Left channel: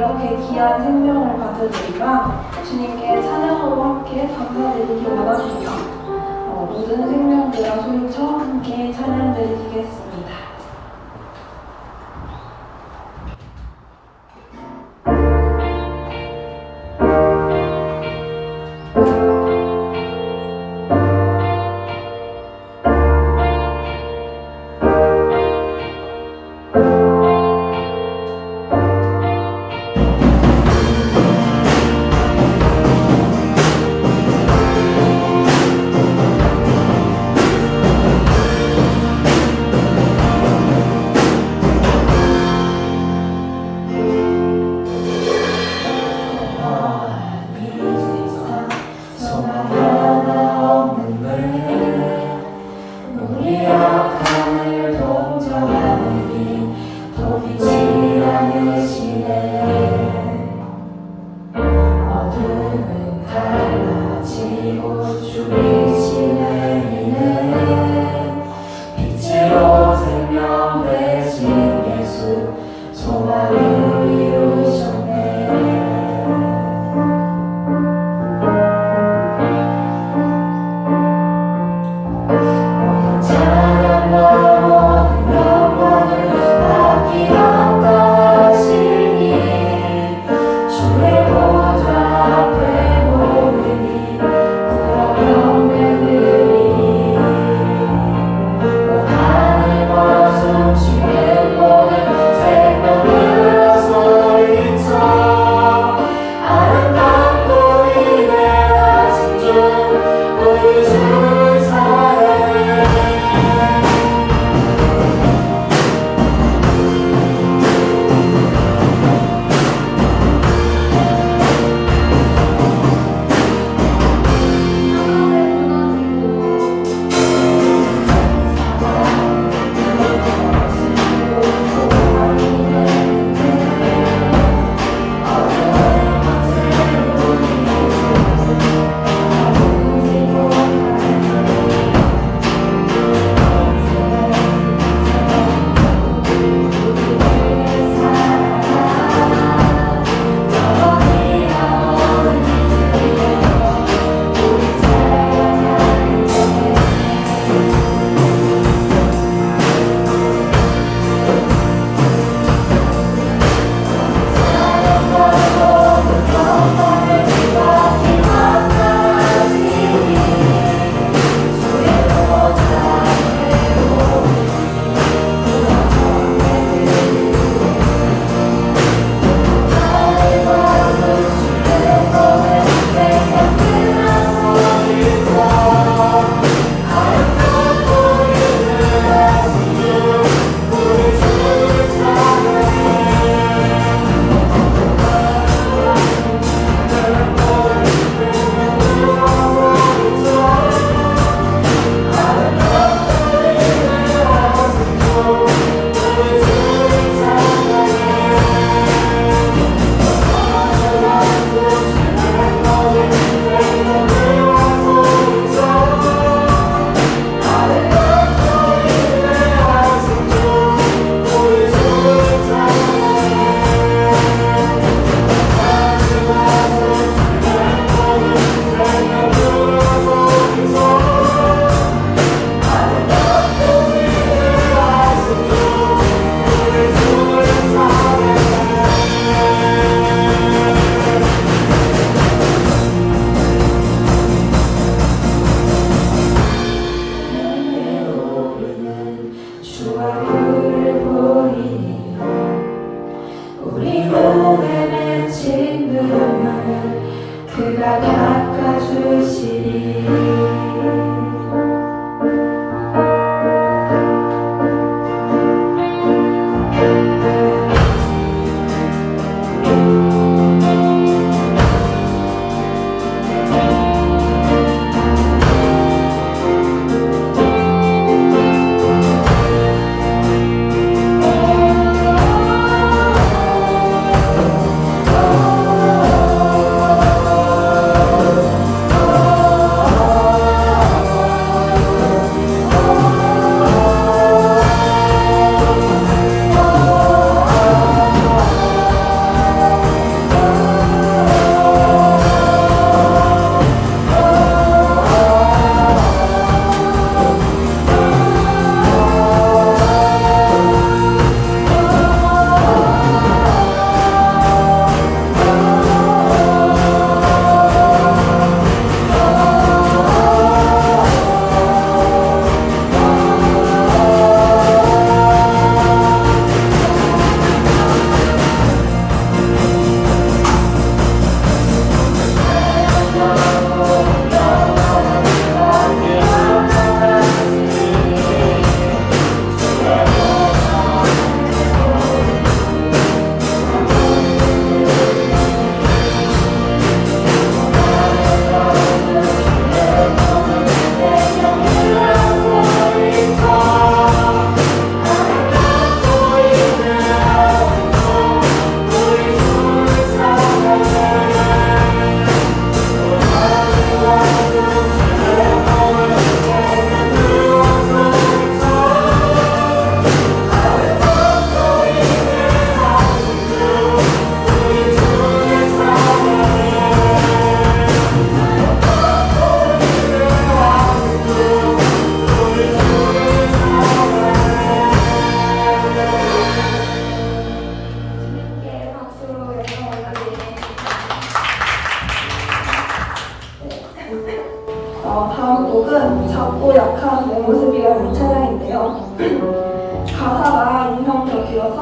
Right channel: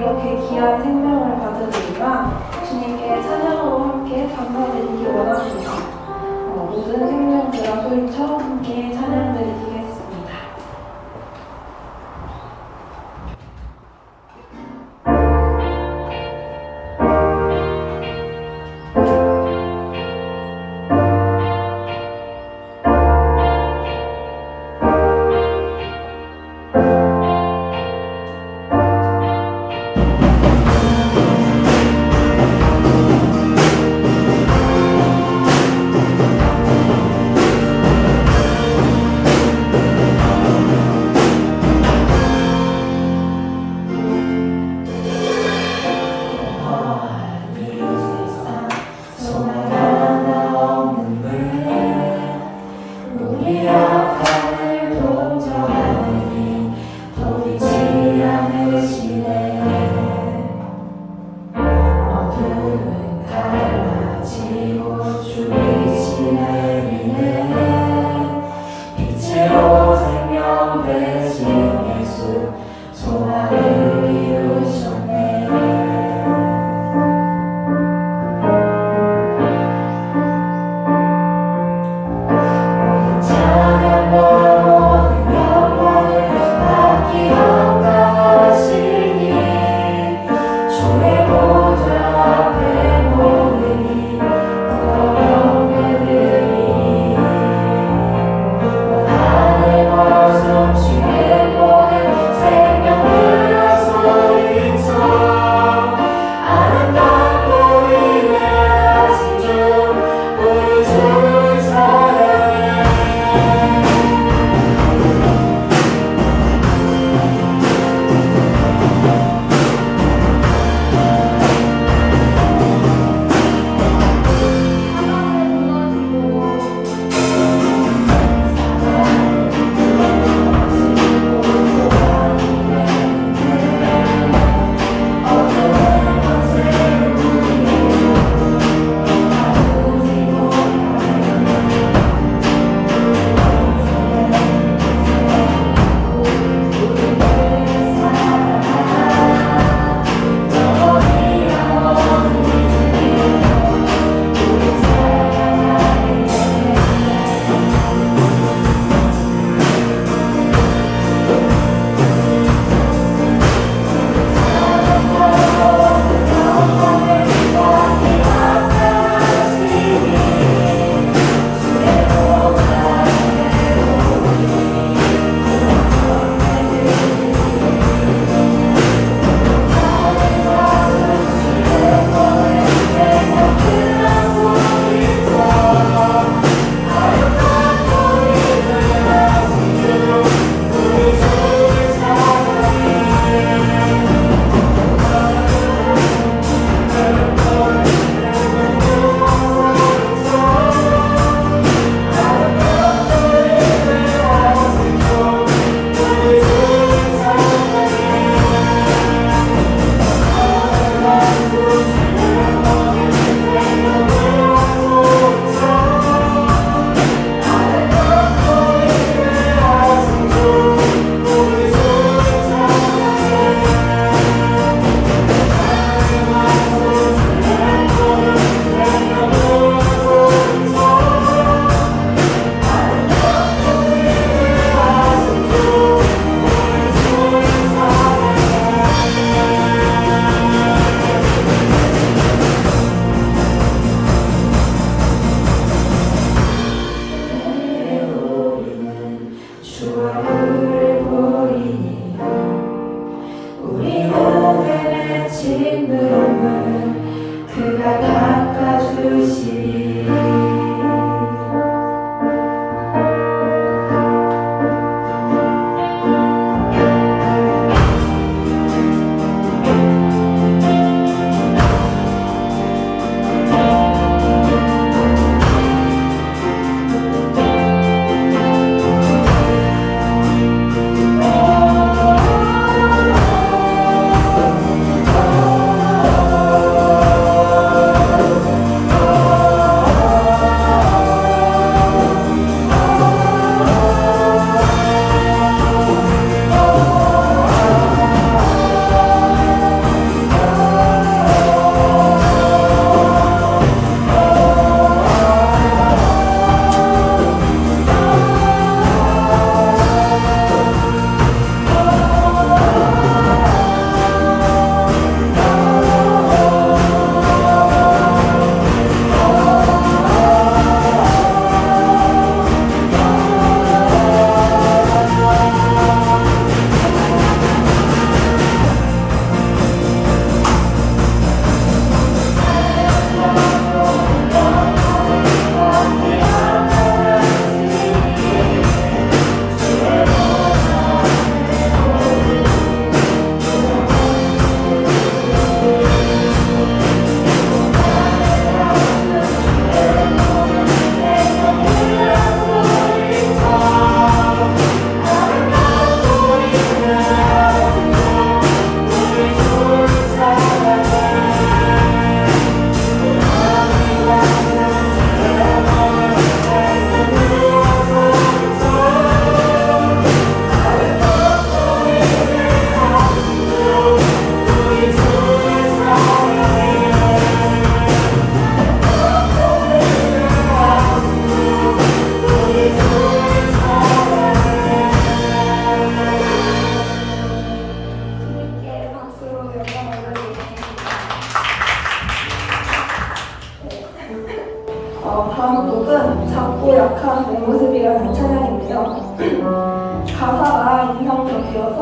이렇게 귀한 생명을 받으니까 주님께 찬양으로 함께 감사드리기 원합니다. 모든 생명들아 소리쳐 함께 찬양드리겠습니다.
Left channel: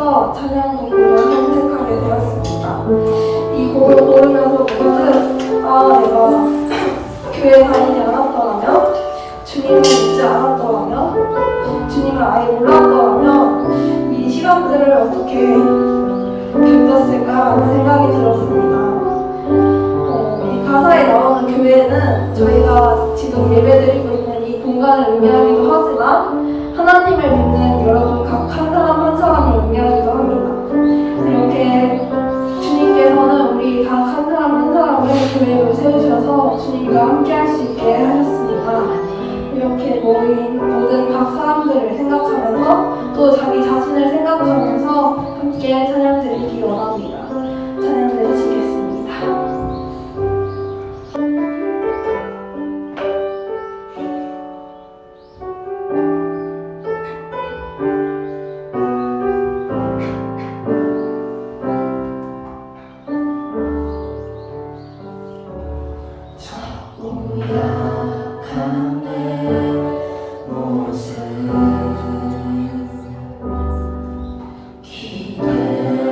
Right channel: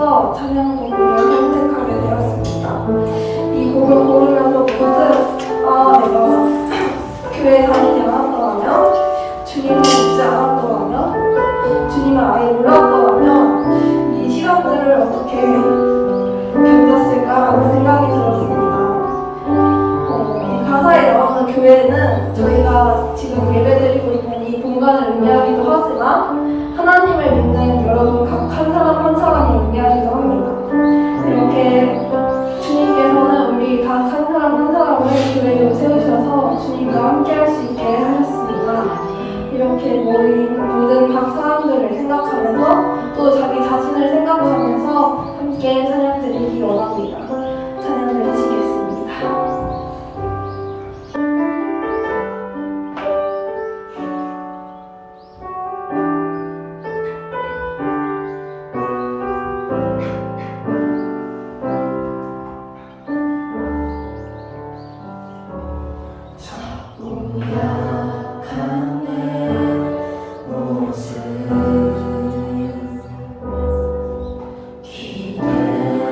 하면서 찬양 공부를 선택하게 되었습니다. 이 곡을 고르면서 모두 내가 교회 다니지 않았더라면, 주님을 믿지 않았더라면, 주님을 아예 몰랐더라면 이 시간들을 어떻게 견뎠을까라는 생각이 들었습니다. 이 가사에 나오는 교회는 저희가 지금 예배드리고 있는 이 공간을 의미하기도 하지만 하나님을 믿는 여러분 각 한 사람 한 사람을 의미하기도 합니다. 이렇게 주님께서는 우리 각 한 사람 한 사람을 교회로 세우셔서 주님과 함께 할 수 있게 하셨습니다. 이렇게 모인 모든 각 사람들을 생각하면서 또 자기 자신을 생각하면서 함께 찬양 드리기 원합니다. 찬양 드리시겠습니다. 기대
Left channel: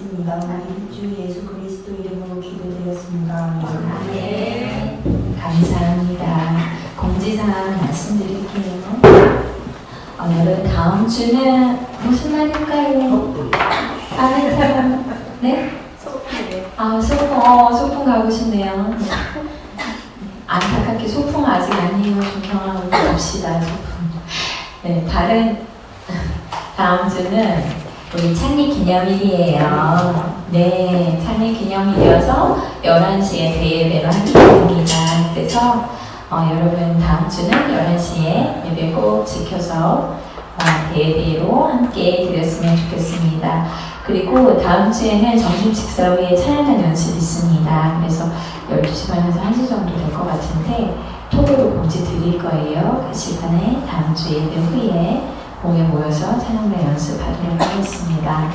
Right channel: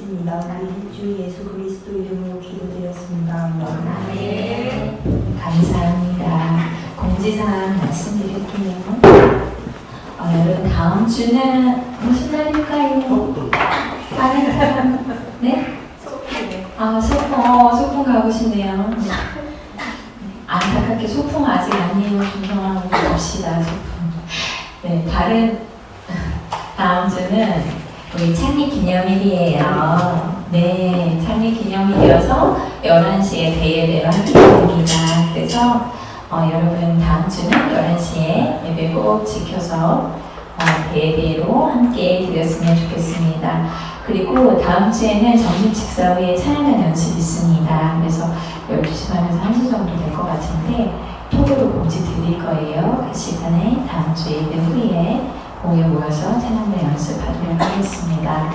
믿습니다. 우리 주 예수 그리스도 이름으로 기도드렸습니다. 네, 감사합니다. 공지사항 말씀드릴게요. 여러분 다음 주는 무슨 날일까요? 빠른 사람? 네? 소풍 가고 싶네요. 안타깝게 소풍 아직 아니에요. 존경하고 갑시다 소풍. 네, 다음 주는 우리 창립기념일이에요. 네, 창립기념일이어서 11시에 대예배를 하게 됩니다. 그래서 여러분 다음 주는 11시에 예배 꼭 지켜서 대예배로 함께 드렸으면 좋겠습니다. 그리고 다음 주에는 점심 식사 후에 찬양단 연습이 있습니다. 그래서 12시 반에서 1시 정도 될 것 같은데 톡으로 공지 드릴 거예요. 그 시간에 다음 주 예배 후에 모여서 찬양단 연습하도록 하겠습니다.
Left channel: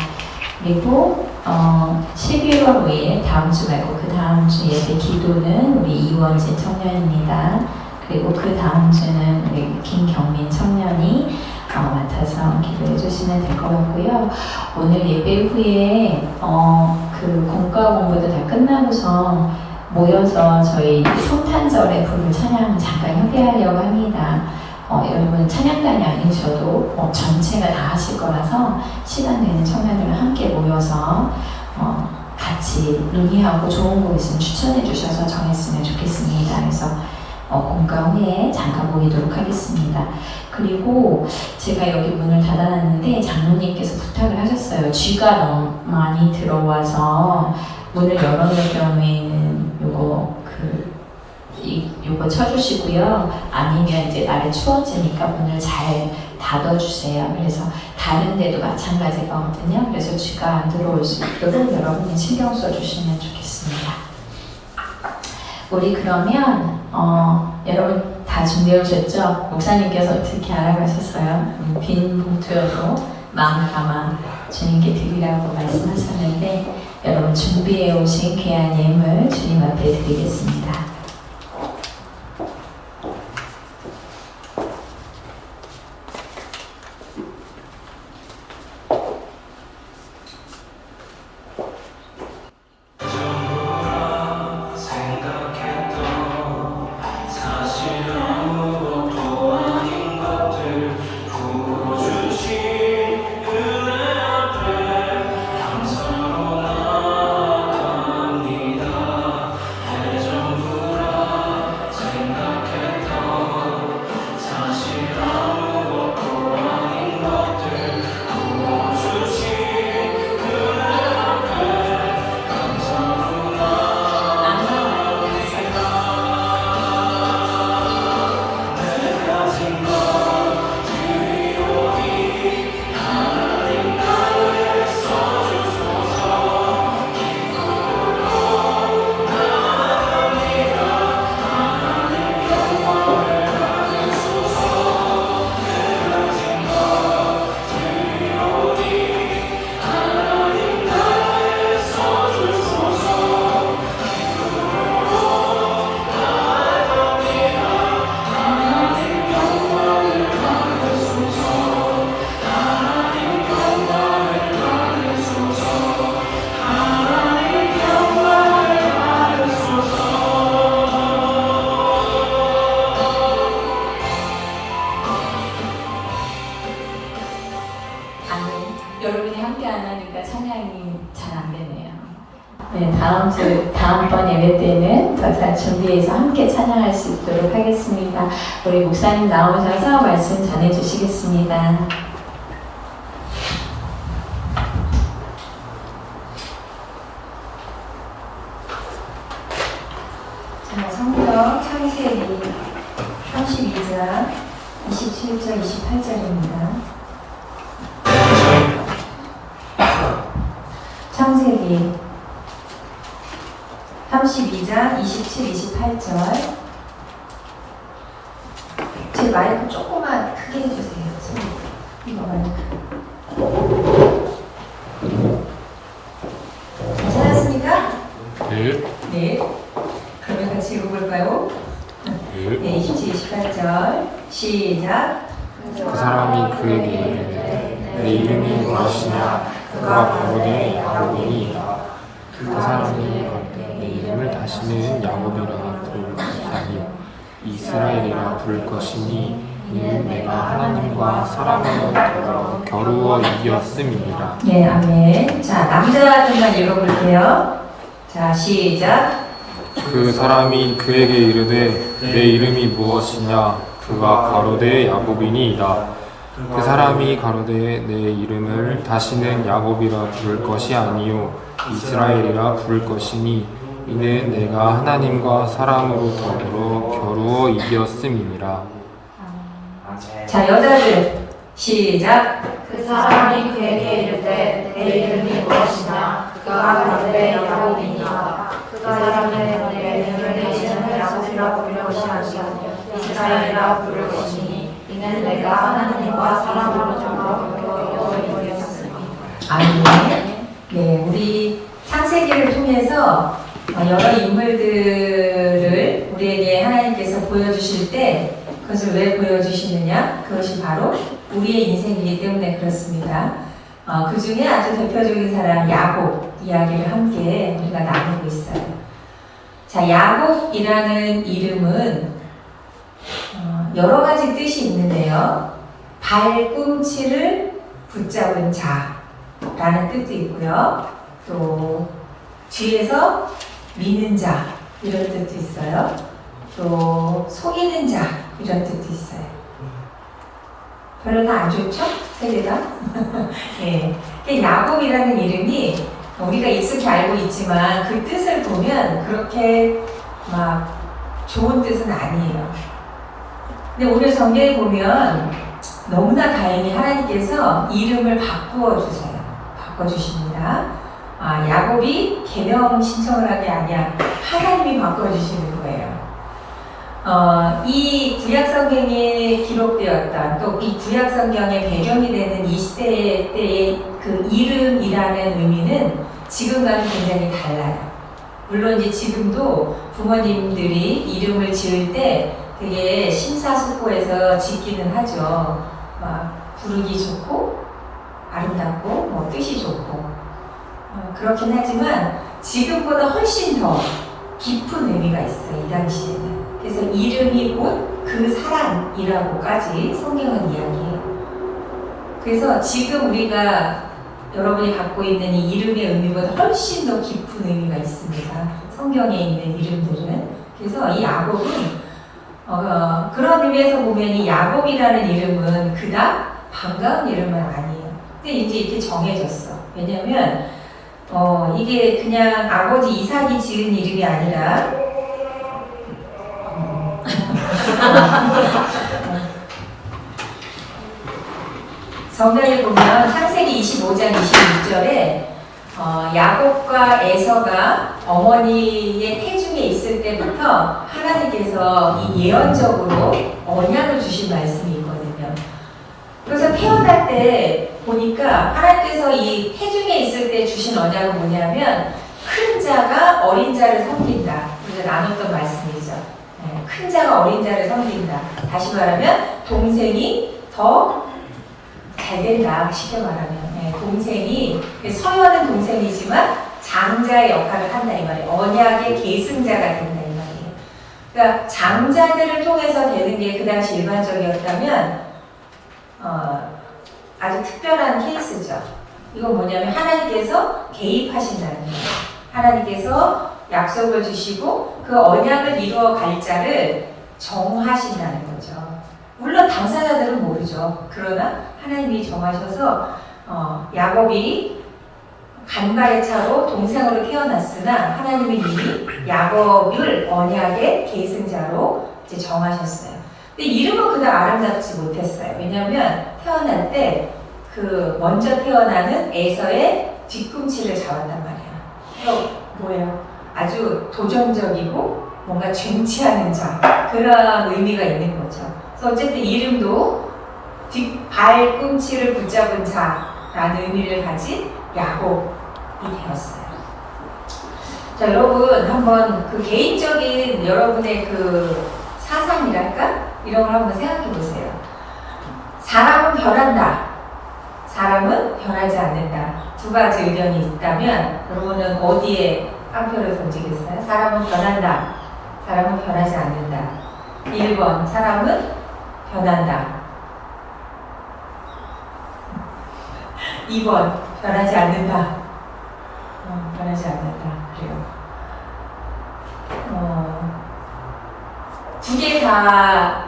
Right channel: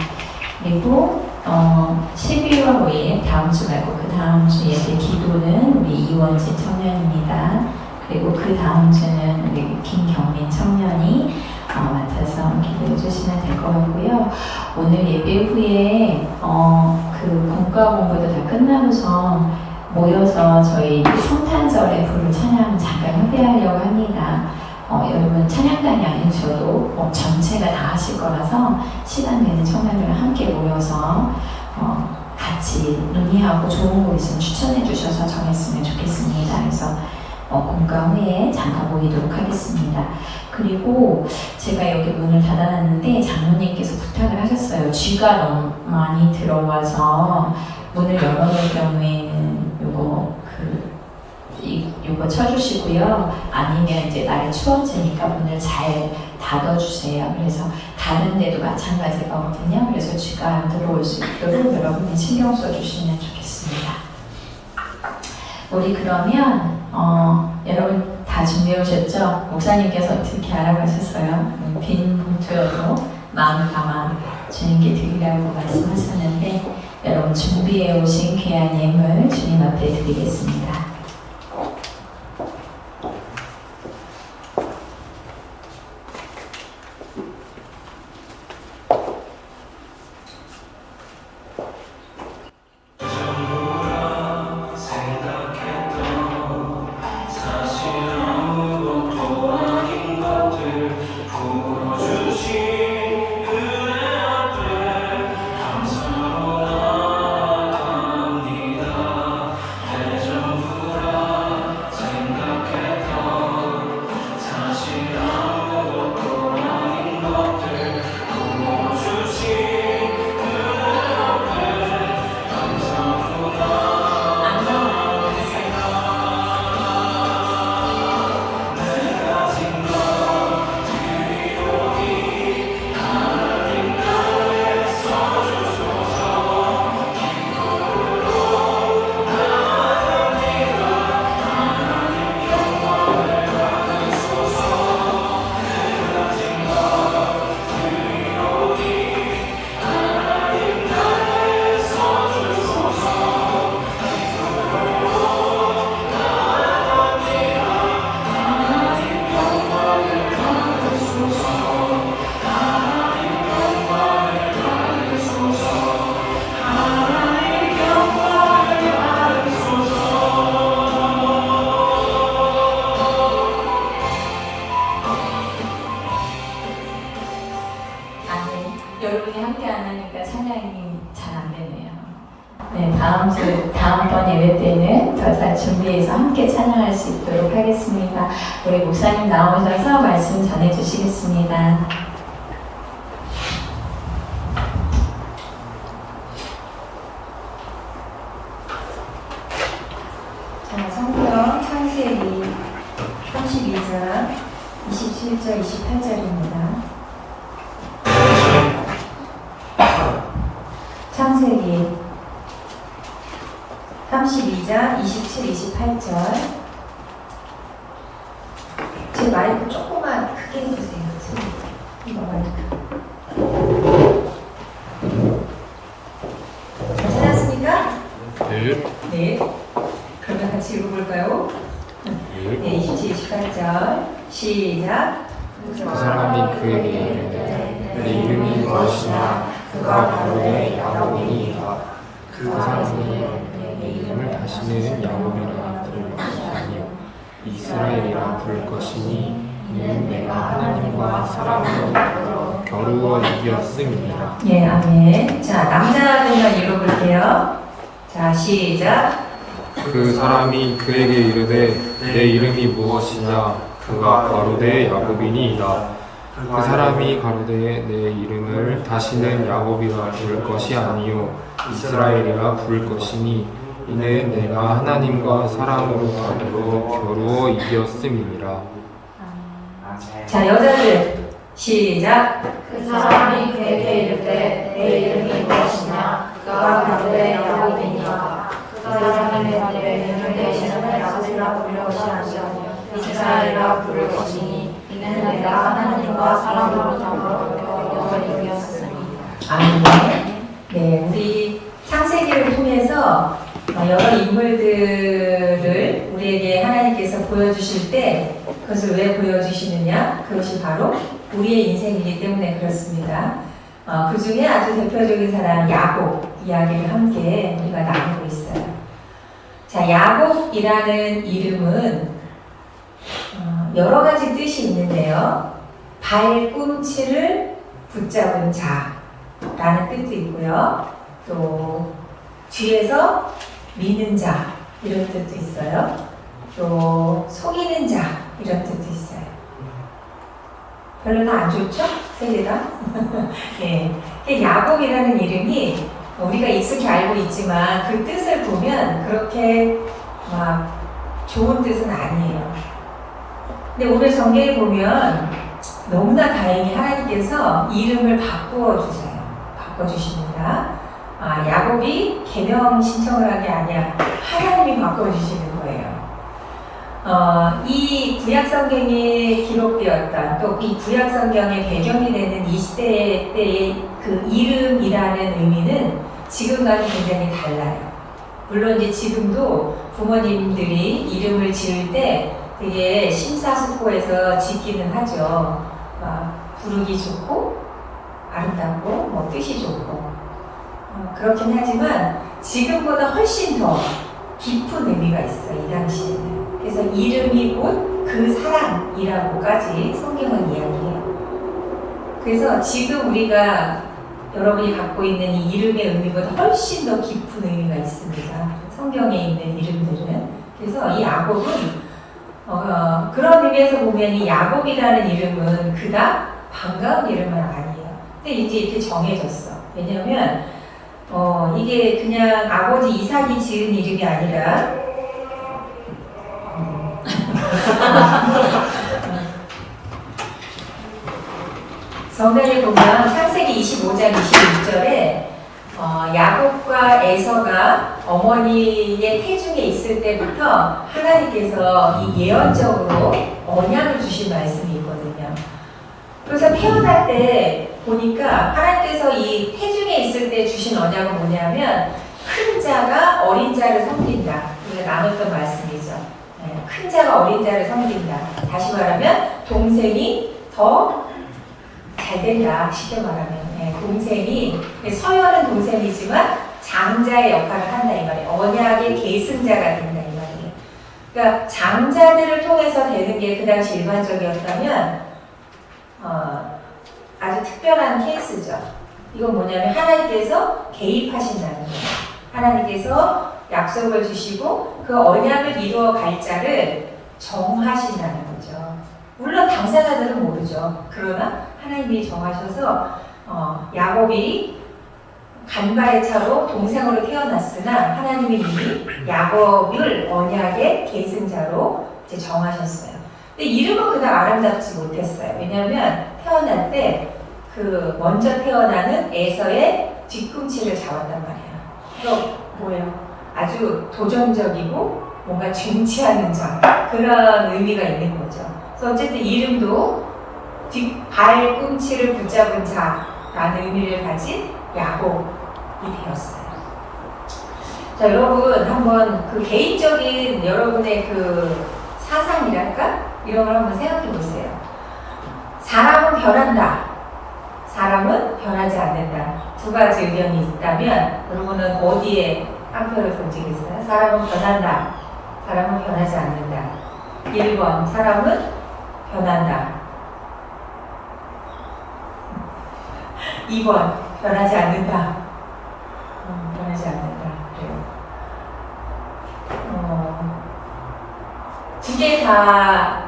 그리고 12월 5일 다음 주 말고 그 다음 주 예배 기도는 우리 이원진 청년입니다. 그리고 그 다음 주는 우리 김경민 청년이 맡아서 기도해 주시면 될 것 같고요. 오늘 예배 후에 그 공과 공부도 다 끝나고서 모여서 저희 성탄절의 부를 찬양 잠깐 협의하려고 합니다. 여러분 찬양단이 아니셔도 전체가 다 하실 거라서 시간 되는 청년들과 함께 모여서 같이 논의하고 좋은 곡 있으면 추천해 주셔서 정했으면 좋겠습니다. 그래서 공과 후에 잠깐 모이도록 하겠습니다. 그리고 제가 여기 문을 닫아놨는데 장로님께서 부탁을 하셨어요. 쥐가 너무 많이 들어와서 문을 열어놓을 경우에는 요거 쳐주시고요. 아니면 이제 날이 추워지니까 문을 잘 닫아주세요. 그래서 다른 데도 마찬가지거든요. 그래서 쥐가 안 들어올 수 있도록 여러분이 신경 써주시면 좋겠습니다. 우리 그러면 여러분 다 준비해 오셨죠? 목사님께서 어떻게 알아가셨어요? 빈 봉투여도 마음을 담아 주님께 드리라고 말씀하셨는데 여러분 준비해 오신 귀한 예물 주님 앞에 드리겠습니다. 여러분이 함께 안 하니까 찬양이 잘 안 되네요. 네, 다음번 예배 때는 더 잘 준비해서 함께 찬양할 수 있도록 하겠습니다. 우리 목사님 나오셔서 말씀 전해 주시겠습니다. 자, 성경 창세기 32장 27절 28절입니다. 창세기 32장 27, 28절. 제 마이크 조금만 크게 해주세요. 이거 마이크. 괜찮았습니까? 네. 네. 그러면 같이 읽어볼까요? 네, 27, 28절. 시작. 그 사람이 그에게 이르되 내 이름이 무엇이냐 그가 가로되 야곱이니이다. 그 사람이 내 이름을 다시는 야곱이라 부를 것이 아니요 이스라엘이라 부를 것이니 이는 내가 하나님과 사람으로 겨루어 이겼음이니라. 예, 아멘. 자, 남자들만 읽어볼게요. 자, 시작. 그 사람이 그에게 이르되 내 이름이 무엇이냐 그가 가로되 야곱이니이다. 그 사람이 가로되 내 이름을 다시는 야곱이라 부를 것이 아니요 이스라엘이라 부를 것이니 이는 내가 하나님과 사람으로 더불어 겨루어 이겼음이니라. 자, 여자들 시작. 그 사람이 그에게 이르되 내 이름이 무엇이냐 그가 가로되 야곱이니이다. 그 사람이 내 이름을 야곱이라 부를 것이 아니요 이스라엘이라 부를 것이니 이는 내가 하나님과 사람으로 더불어 이겼으니. 아멘. 네, 우리 창세기를 통해서 여러 인물들을 우리에게 하나님께서 보여주실 때 그것을 왜 보여주시느냐? 그것이 바로 우리의 인생이기 때문에 그렇습니다. 그 중에 아주 대표적인 사람 야곱 이야기를 함께 우리가 나누고 있어요. 자, 야곱이라는 이름은 여러 가지 뜻이 있는데요. 발꿈치를 붙잡은 자라는 뜻도 있고요. 또 뒤에서 미는 자 이런 뜻도 있어요. 또 속이는 자 이런 뜻도 있어요. 별로 다 안 좋죠? 세 개가? 네. 야곱이라는 이름이 우리가 익숙히 알고 있지만 그 뜻을 보면 그렇게 막 좋은 뜻은 아니에요. 근데 오늘 성경에 보면 너무나 다행히 하나님께서 이름을 바꾸어주세요. 바꿔주십니다. 야곱이 개명 신청을 한 게 아니야. 하나님이 바꿔주시는 거예요. 이 구약성경에 기록되었던 또 이 구약성경의 배경이 되는 이 시대 때의 그 이름이라는 의미는 지금과는 굉장히 달라요. 물론 이제 지금도 부모님들이 이름을 지을 때 되게 심사숙고해서 짓기는 하죠. 부르기 좋고 아름답고 뭐 뜻이 좋고 그렇긴 하지만 지금보다 훨씬 더 깊은 의미가 있어요. 이 당시에는. 그래서 이름이 곧 그 사람이라고까지 성경은 이야기해요. 그래서 지금 우리가 여러분이 갖고 있는 이 이름의 의미보다 훨씬 더 깊은 의미가 있습니다. 성경에 있는 이름들은. 그래서 이 야곱은 그런 의미에서 보면 이 야곱이라는 이름은 그닥 반가운 이름은 아니에요. 근데 이제 이렇게 정해졌어. 왜냐면 이게 그냥 아버지 이삭이 지은 이름이 아니라 성경에 보면 창세기 25장 26절에 야곱과 에서가 어머니의 태중에 있을 때부터 하나님께서 이 예언적으로 언약을 주신 말씀이 있거든요. 그래서 태어날 때 보니까 하나님께서 이 태중에 있을 때 주신 언약은 뭐냐면 큰 자가 어린 자를 섬긴다. 우리가 나눴던 말씀이죠. 큰 자가 어린 자를 섬긴다. 다시 말하면 동생이 더 잘 된다. 쉽게 말하면 동생이 서열은 동생이지만 장자의 역할을 한다 이 말이에요. 언약의 계승자가 된다 이 말이에요. 그러니까 장자들을 통해서 되는 게 그 당시 일반적이었다면 아주 특별한 케이스죠. 이건 뭐냐면 하나님께서 개입하신다는 거예요. 하나님께서 약속을 주시고 그 언약을 이루어 갈 자를 정하신다는 거죠. 물론 당사자들은 모르죠. 그러나 하나님이 정하셔서 야곱이 간발의 차로 동생으로 태어났으나 하나님은 이미 야곱을 언약의 계승자로 이제 정하셨어요. 근데 이름은 그다음 아름답지 못했어요. 왜냐하면 태어날 때 그 먼저 태어나는 에서의 뒤꿈치를 잡았단 말이야. 또 뭐예요? 아주 도전적이고 뭔가 쟁취하는 자 그런 의미가 있는 거죠. 그래서 어쨌든 이름도 발꿈치를 붙잡은 자라는 의미를 가진 야곱이 되었어요. 자, 여러분 한번 그 개인적인 여러분의 그 사상이랄까? 이런 걸 한번 생각해 보세요. 사람은 변한다. 사람은 변하지 않는다. 두 가지 의견이 있다면 여러분은 어디에 한 표를 던지겠어요? 사람은 변한다. 사람은 변하지 않는다. 1번 사람은 변한다. 2번 변하지 않는다. 변하지 않는다. 그래요. 두 개 다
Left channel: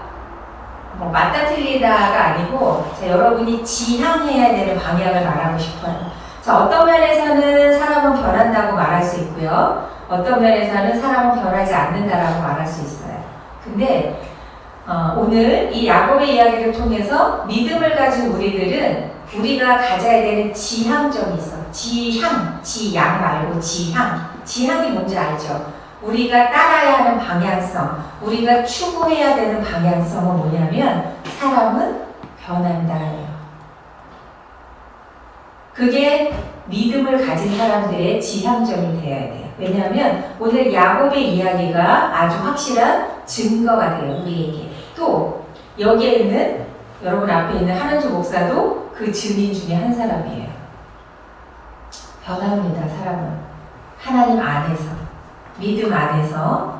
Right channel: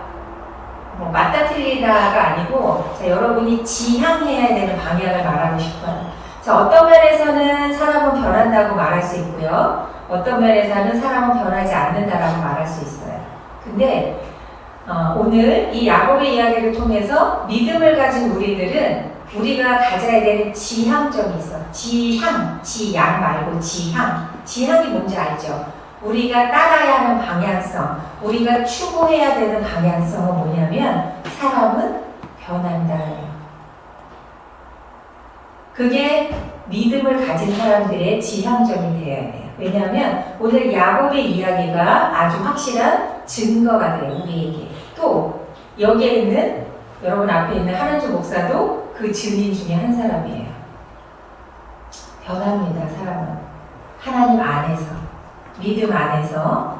맞다 틀리다가 아니고 자, 여러분이 지향해야 되는 방향을 말하고 싶어요. 자, 어떤 면에서는 사람은 변한다고 말할 수 있고요. 어떤 면에서는 사람은 변하지 않는다라고 말할 수 있어요. 근데 오늘 이 야곱의 이야기를 통해서 믿음을 가진 우리들은 우리가 가져야 되는 지향점이 있어. 지향 말고 지향. 지향이 뭔지 알죠? 우리가 따라야 하는 방향성, 우리가 추구해야 되는 방향성은 뭐냐면 사람은 변한다예요. 그게 믿음을 가진 사람들의 지향점이 되어야 돼요. 왜냐하면 오늘 야곱의 이야기가 아주 확실한 증거가 돼요. 우리에게. 또 여기에 있는 여러분 앞에 있는 한한주 목사도 그 증인 중에 한 사람이에요. 변합니다. 사람은 하나님 안에서 믿음 안에서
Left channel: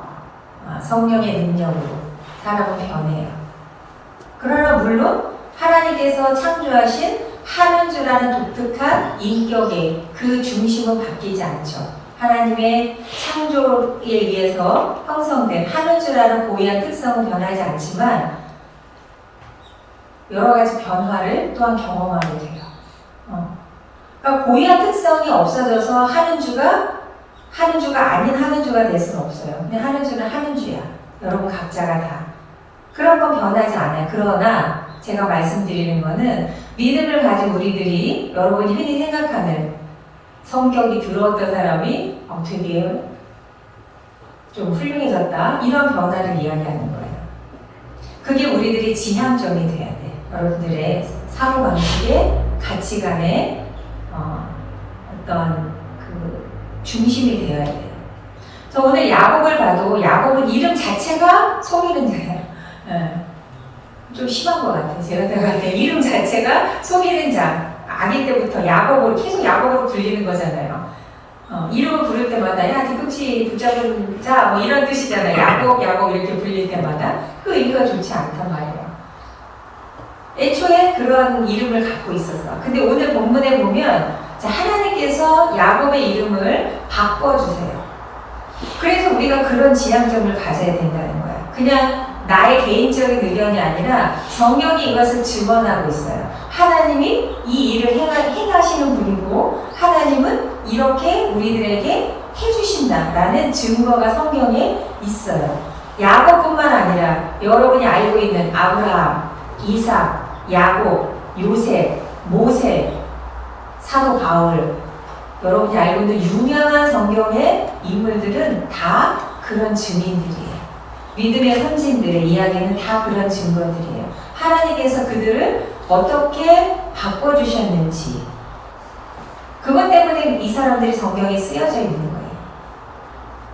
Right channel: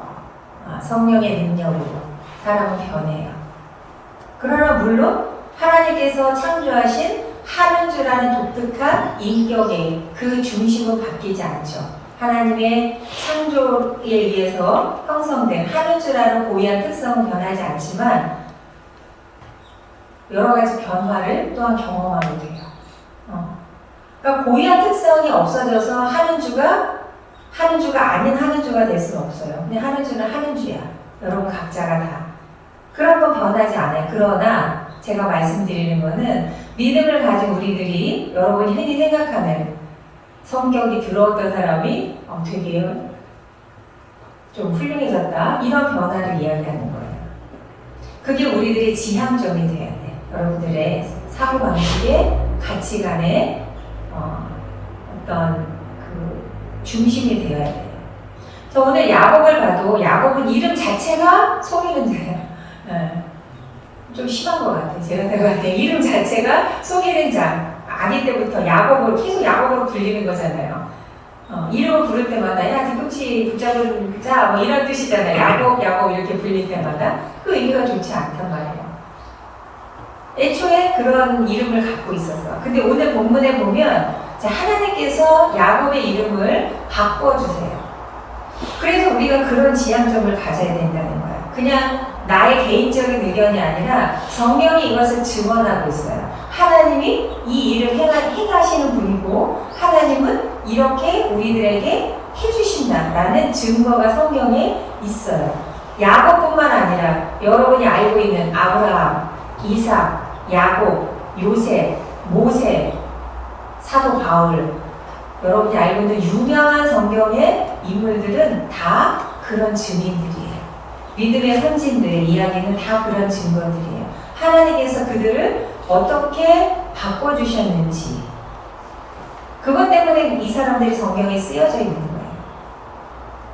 성령의 능력으로 사람은 변해요. 그러나 물론 하나님께서 창조하신 한은주라는 독특한 인격의 그 중심은 바뀌지 않죠. 하나님의 창조에 의해서 형성된 한은주라는 고유한 특성은 변하지 않지만 여러 가지 변화를 또한 경험하게 돼요. 그러니까 고유한 특성이 없어져서 한은주가 아닌 한은주가 될 수는 없어요. 근데 한은주는 한은주야. 여러분 각자가 다. 그런 건 변하지 않아요. 그러나 제가 말씀드리는 거는 믿음을 가진 우리들이 여러분이 흔히 생각하는 성격이 들어왔던 사람이 되게 좀 훌륭해졌다. 이런 변화를 이야기하는 거예요. 그게 우리들의 지향점이 돼야 돼요. 여러분들의 사고방식의 가치관의 어떤 그 중심이 되어야 돼요. 저 오늘 야곱을 봐도 야곱은 이름 자체가 속이는 자예요. 좀 심한 것 같아요. 제가 생각할 때 이름 자체가 속이는 자. 아기 때부터 야곱을 계속 야곱으로 불리는 거잖아요. 이름을 부를 때마다 야 뒤꿈치 붙잡은 자 뭐 이런 뜻이잖아요. 야곱 이렇게 불릴 때마다 그 의미가 좋지 않단 말이에요. 애초에 그런 이름을 갖고 있었어. 근데 오늘 본문에 보면 자, 하나님께서 야곱의 이름을 바꿔주세요. 그래서 우리가 그런 지향점을 가져야 된다는 거야. 그냥 나의 개인적인 의견이 아니라 성경이 이것을 증언하고 있어요. 하나님이 이 일을 행하시는 분이고 하나님은 이렇게 우리들에게 해주신다라는 증거가 성경에 있어요. 야곱뿐만 아니라 여러분이 알고 있는 아브라함, 이삭, 야곱, 요셉, 모세, 사도 바울, 여러분이 알고 있는 유명한 성경의 인물들은 다 그런 증인들이에요. 믿음의 선진들의 이야기는 다 그런 증거들이에요. 하나님께서 그들을 어떻게 바꿔주셨는지 그것 때문에 이 사람들이 성경에 쓰여져 있는 거예요.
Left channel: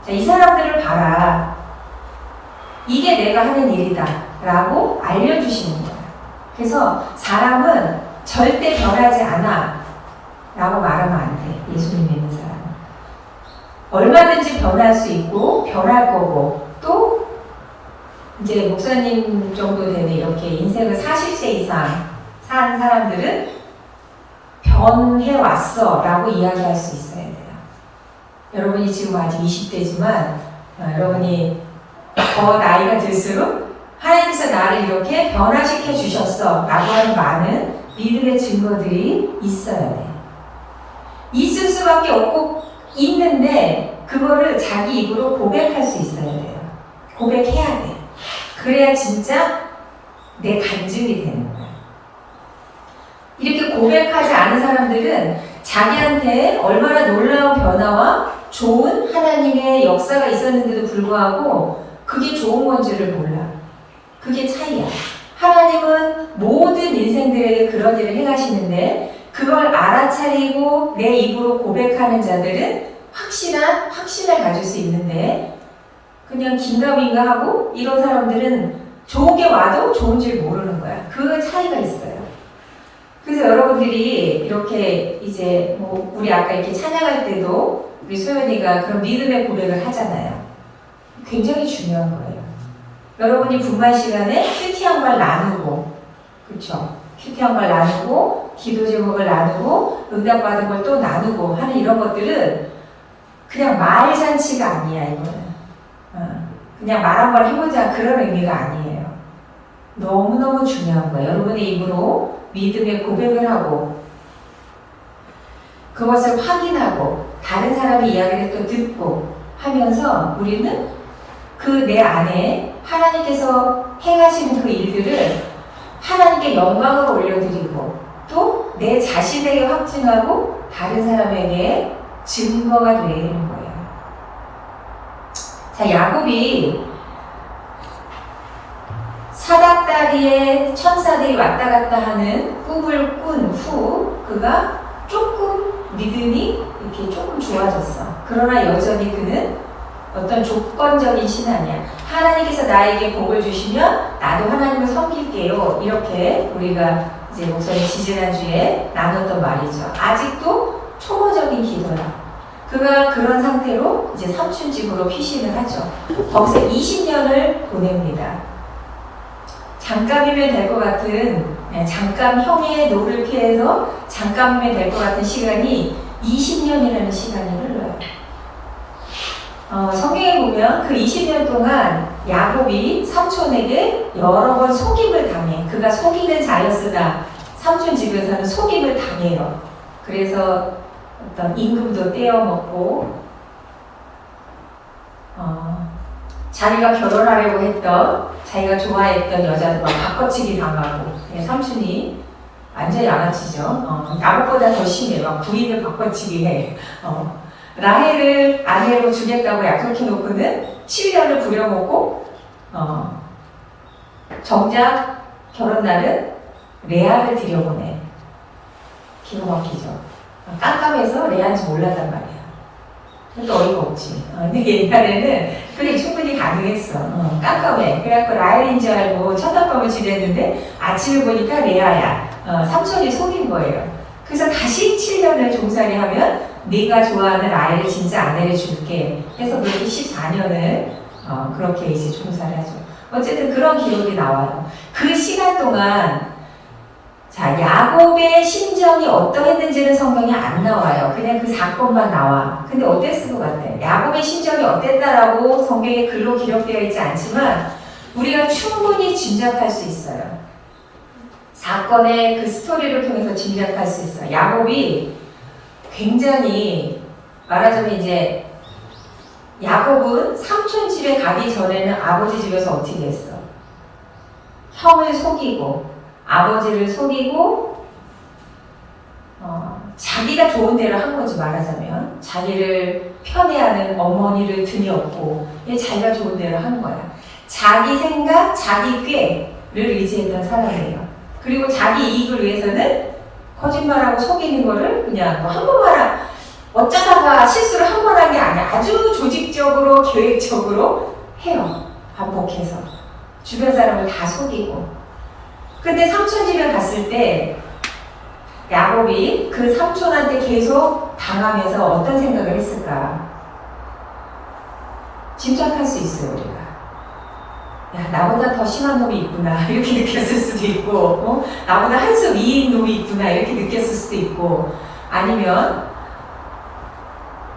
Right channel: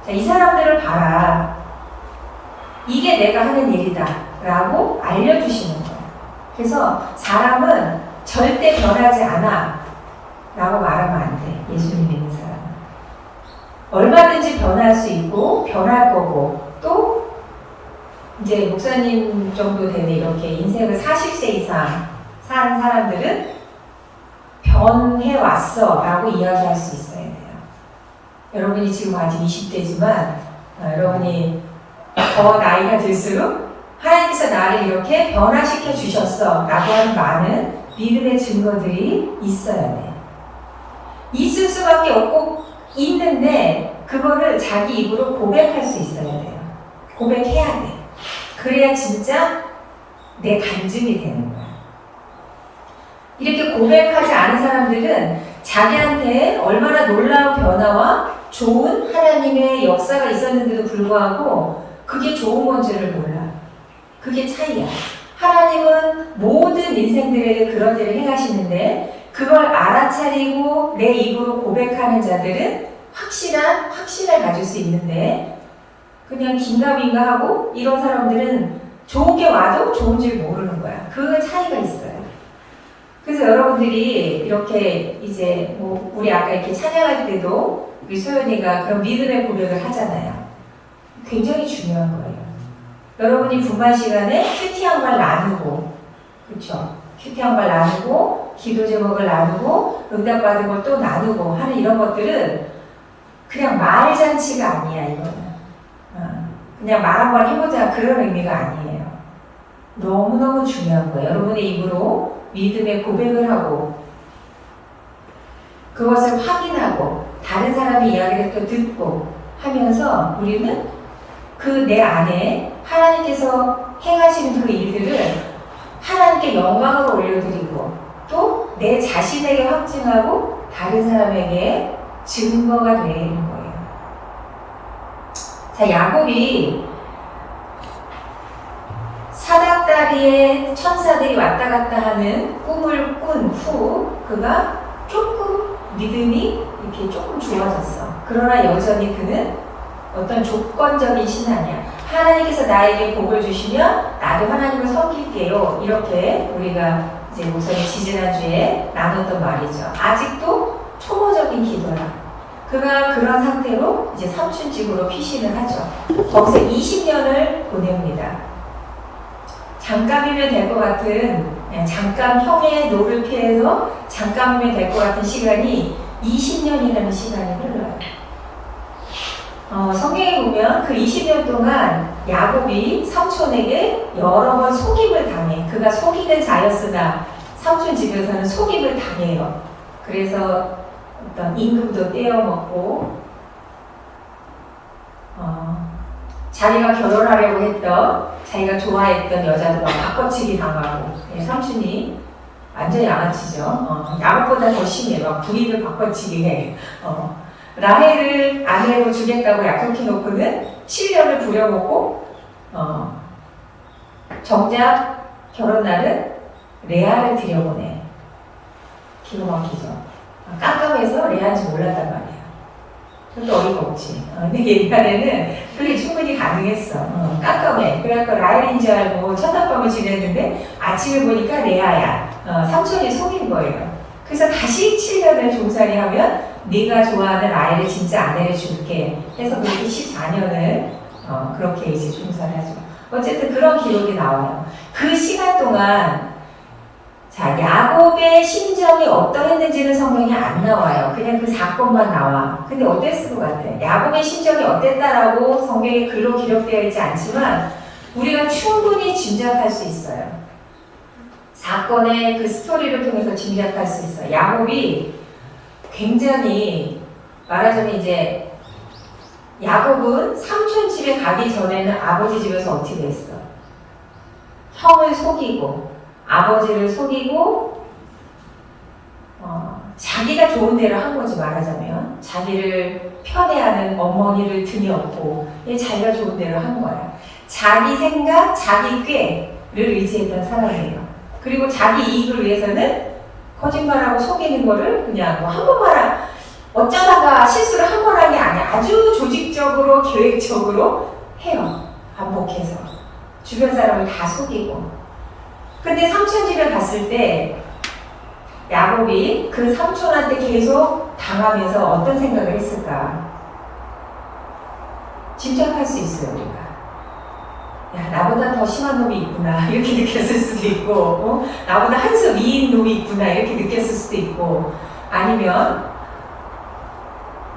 자, 이 사람들을 봐라. 이게 내가 하는 일이다 라고 알려주시는 거예요. 그래서 사람은 절대 변하지 않아 라고 말하면 안 돼. 예수님 믿는 사람은. 얼마든지 변할 수 있고 변할 거고 또 이제 목사님 정도 되는 이렇게 인생을 40세 이상 산 사람들은 변해왔어 라고 이야기할 수 있어야 돼요. 여러분이 지금 아직 20대지만 여러분이 더 나이가 들수록 하나님께서 나를 이렇게 변화시켜 주셨어 라고 하는 많은 믿음의 증거들이 있어야 돼요. 있을 수밖에 없고 있는데 그거를 자기 입으로 고백할 수 있어야 돼요. 고백해야 돼. 그래야 진짜 내 간증이 되는 거야. 이렇게 고백하지 않은 사람들은 자기한테 얼마나 놀라운 변화와 좋은 하나님의 역사가 있었는데도 불구하고 그게 좋은 건지를 몰라. 그게 차이야. 하나님은 모든 인생들에 그런 일을 행하시는데 그걸 알아차리고 내 입으로 고백하는 자들은 확신을 가질 수 있는데 그냥 긴가민가 하고 이런 사람들은 좋은 게 와도 좋은 줄 모르는 거야. 그 차이가 있어요. 그래서 여러분들이 이렇게 이제 뭐 우리 아까 이렇게 찬양할 때도 우리 소연이가 그런 믿음의 고백을 하잖아요. 굉장히 중요한 거예요. 여러분이 분반 시간에 큐티한 걸 나누고, 그렇죠? 큐티한 걸 나누고, 기도 제목을 나누고, 응답받은 걸 또 나누고 하는 이런 것들은 그냥 말잔치가 아니야, 이거는. 그냥 말 한번 해보자 그런 의미가 아니에요. 너무너무 중요한 거예요. 여러분의 입으로 믿음의 고백을 하고 그것을 확인하고 다른 사람의 이야기를 또 듣고 하면서 우리는 그 내 안에 하나님께서 행하시는 그 일들을 하나님께 영광을 올려드리고 또 내 자신에게 확증하고 다른 사람에게 증거가 되는 거예요. 자, 야곱이 사닥다리에 천사들이 왔다 갔다 하는 꿈을 꾼 후 그가 조금 믿음이 이렇게 조금 좋아졌어. 그러나 여전히 그는 어떤 조건적인 신앙이야. 하나님께서 나에게 복을 주시면 나도 하나님을 섬길게요. 이렇게 우리가 이제 목사님 지지난주에 나눴던 말이죠. 아직도 초보적인 기도야. 그가 그런 상태로 이제 삼촌 집으로 피신을 하죠. 거기서 20년을 보냅니다. 잠깐이면 될 것 같은, 잠깐 형의 노를 피해서 잠깐이면 될 것 같은 시간이 20년이라는 시간이 흘러요. 성경에 보면 그 20년 동안 야곱이 삼촌에게 여러 번 속임을 당해. 그가 속이는 자였으나 삼촌 집에서는 속임을 당해요. 그래서 어떤 임금도 떼어먹고 자기가 결혼하려고 했던 자기가 좋아했던 여자도 막 바꿔치기 당하고 삼촌이 완전 양아치죠. 나무보다 더 심해. 막 부인을 바꿔치기 해. 라헬을 아내로 주겠다고 약속해 놓고는 7년을 부려먹고 정작 결혼날은 레아를 들여보내. 기가 막히죠. 깜깜해서 레아인지 몰랐단 말이야. 그것도 어이가 없지. 근데 옛날에는 그게 충분히 가능했어. 깜깜해. 그래갖고 라헬인 줄 알고 첫날밤을 지냈는데 아침에 보니까 레아야. 삼촌이 속인 거예요. 그래서 다시 7년을 종살이 하면 네가 좋아하는 라헬을 진짜 아내를 줄게 해서 그렇게 14년을 그렇게 이제 종살이 하죠. 어쨌든 그런 기록이 나와요. 그 시간 동안 자, 야곱의 심정이 어떠했는지는 성경에 안 나와요. 그냥 그 사건만 나와. 근데 어땠을 것 같아? 야곱의 심정이 어땠다라고 성경에 글로 기록되어 있지 않지만 우리가 충분히 짐작할 수 있어요. 사건의 그 스토리를 통해서 짐작할 수 있어요. 야곱이 굉장히 말하자면 이제 야곱은 삼촌 집에 가기 전에는 아버지 집에서 어떻게 했어? 형을 속이고 아버지를 속이고 자기가 좋은 대로 한 거지. 말하자면 자기를 편애하는 어머니를 들이었고 자기가 좋은 대로 한 거야. 자기 생각, 자기 꾀를 의지했던 사람이에요. 그리고 자기 이익을 위해서는 거짓말하고 속이는 거를 그냥 한 번만 어쩌다가 실수를 한 번 한 게 아니야. 아주 조직적으로 계획적으로 해요. 반복해서 주변 사람을 다 속이고. 근데 삼촌 집에 갔을 때 야곱이 그 삼촌한테 계속 당하면서 어떤 생각을 했을까? 짐작할 수 있어요. 우리가 야, 나보다 더 심한 놈이 있구나 이렇게 느꼈을 수도 있고 나보다 한 수 위인 놈이 있구나 이렇게 느꼈을 수도 있고, 아니면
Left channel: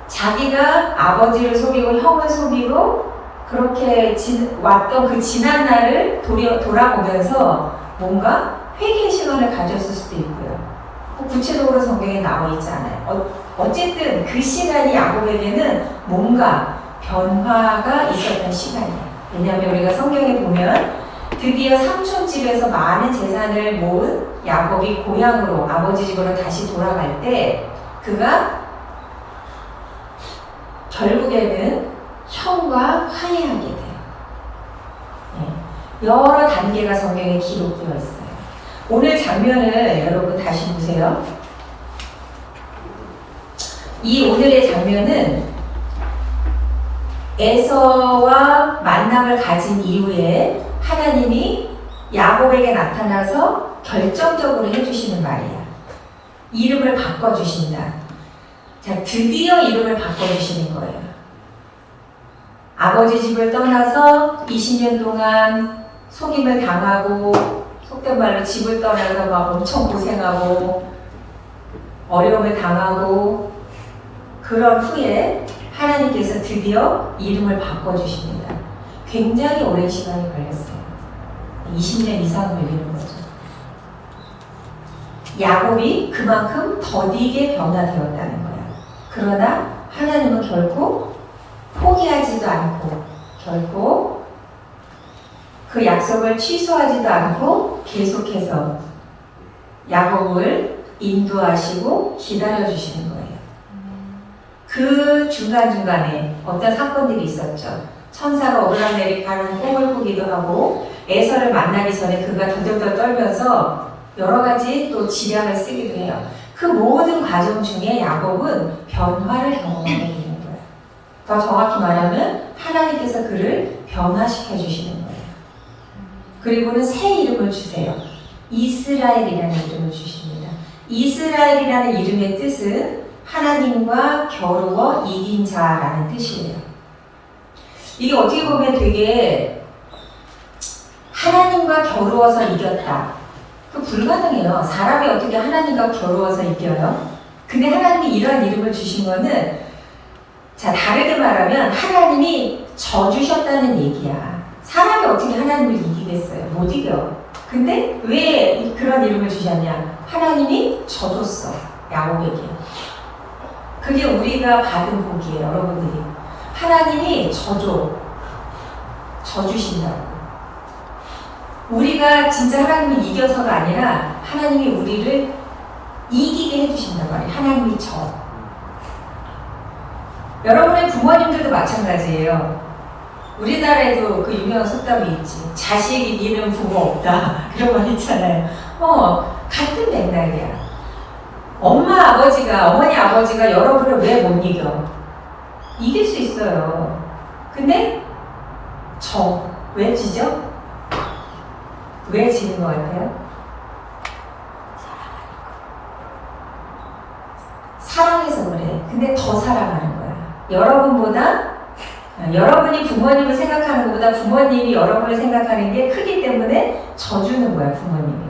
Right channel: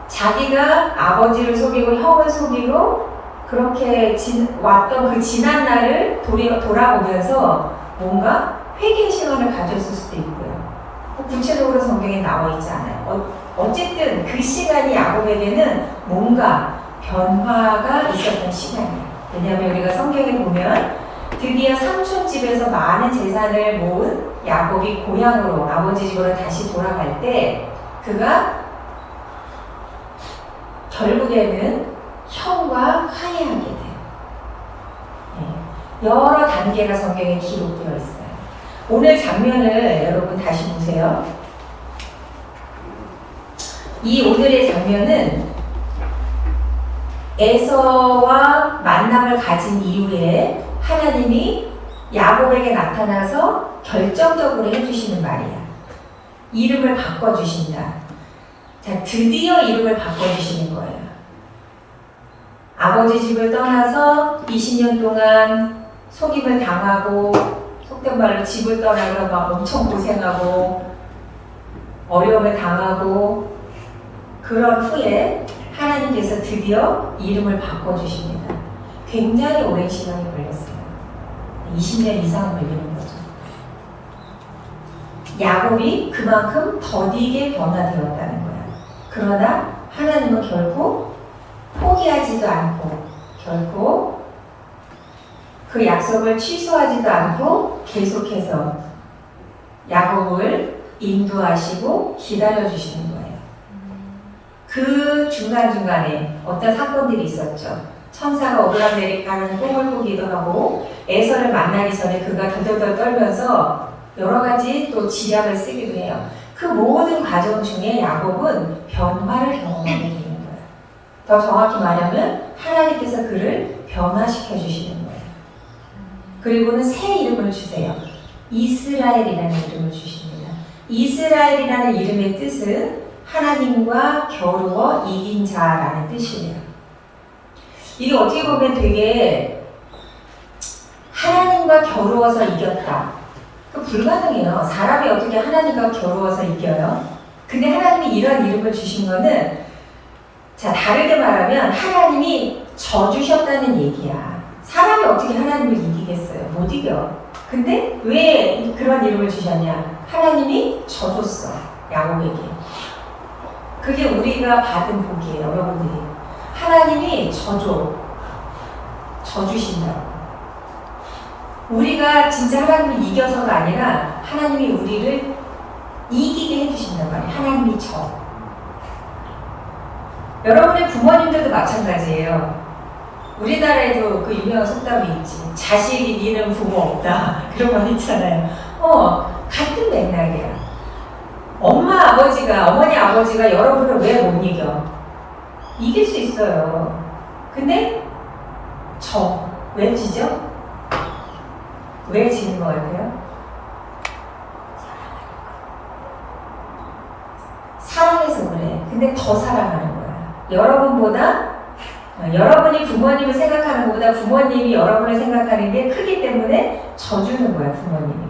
자기가 아버지를 속이고 형을 속이고 그렇게 왔던 그 지난 날을 돌아보면서 뭔가 회개의 시간을 가졌을 수도 있고요. 구체적으로 성경에 나와 있지 않아요. 어쨌든 그 시간이 야곱에게는 뭔가 변화가 있었던 시간이에요. 왜냐하면 우리가 성경에 보면 드디어 삼촌 집에서 많은 재산을 모은 야곱이 고향으로 아버지 집으로 다시 돌아갈 때 그가 결국에는 형과 화해하게 돼요. 여러 단계가 성경에 기록되어 있어요. 오늘 장면을 여러분 다시 보세요. 이 오늘의 장면은 에서와 만남을 가진 이후에 하나님이 야곱에게 나타나서 결정적으로 해주시는 말이에요. 이름을 바꿔주신다. 자, 드디어 이름을 바꿔주시는 거예요. 아버지 집을 떠나서 20년 동안 속임을 당하고, 속된 말로 집을 떠나서 막 엄청 고생하고, 어려움을 당하고, 그런 후에 하나님께서 드디어 이름을 바꿔주십니다. 굉장히 오랜 시간이 걸렸어요. 20년 이상 걸리는 거죠. 야곱이 그만큼 더디게 변화되었다는 거예요. 그러나 하나님은 결코 포기하지도 않고, 결코 그 약속을 취소하지도 않고 계속해서 야곱을 인도하시고 기다려주시는 거예요. 그 중간중간에 어떤 사건들이 있었죠. 천사가 오르락내리락 꿈을 꾸기도 하고, 에서를 만나기 전에 그가 덜덜덜 떨면서 여러 가지 또 지략을 쓰기도 해요. 그 모든 과정 중에 야곱은 변화를 경험하게 되는 거예요. 더 정확히 말하면 하나님께서 그를 변화시켜 주시는 거예요. 그리고는 새 이름을 주세요. 이스라엘이라는 이름을 주십니다. 이스라엘이라는 이름의 뜻은 하나님과 겨루어 이긴 자라는 뜻이에요. 이게 어떻게 보면 되게 하나님과 겨루어서 이겼다. 그 불가능해요. 사람이 어떻게 하나님과 겨루어서 이겨요? 근데 하나님이 이런 이름을 주신 거는, 자, 다르게 말하면 하나님이 져주셨다는 얘기야. 사람이 어떻게 하나님을 이기겠어요? 못 이겨. 근데 왜 그런 이름을 주셨냐? 하나님이 져줬어요. 야곱에게. 그게 우리가 받은 복이에요, 여러분들이. 하나님이 져주신다. 우리가 진짜 하나님을 이겨서가 아니라 하나님이 우리를 이기게 해주신단 말이에요. 하나님이 져. 여러분의 부모님들도 마찬가지예요. 우리나라에도 그 유명한 속담이 있지. 자식 이기는 부모 없다. 그런 말 있잖아요. 같은 맥락이야. 어머니 아버지가 여러분을 왜 못 이겨? 이길 수 있어요. 근데 왜 지죠? 왜 지는 것 같아요? 사랑해서 그래. 근데 더 사랑하는 거야. 여러분이 부모님을 생각하는 것보다 부모님이 여러분을 생각하는 게 크기 때문에 져주는 거야, 부모님이.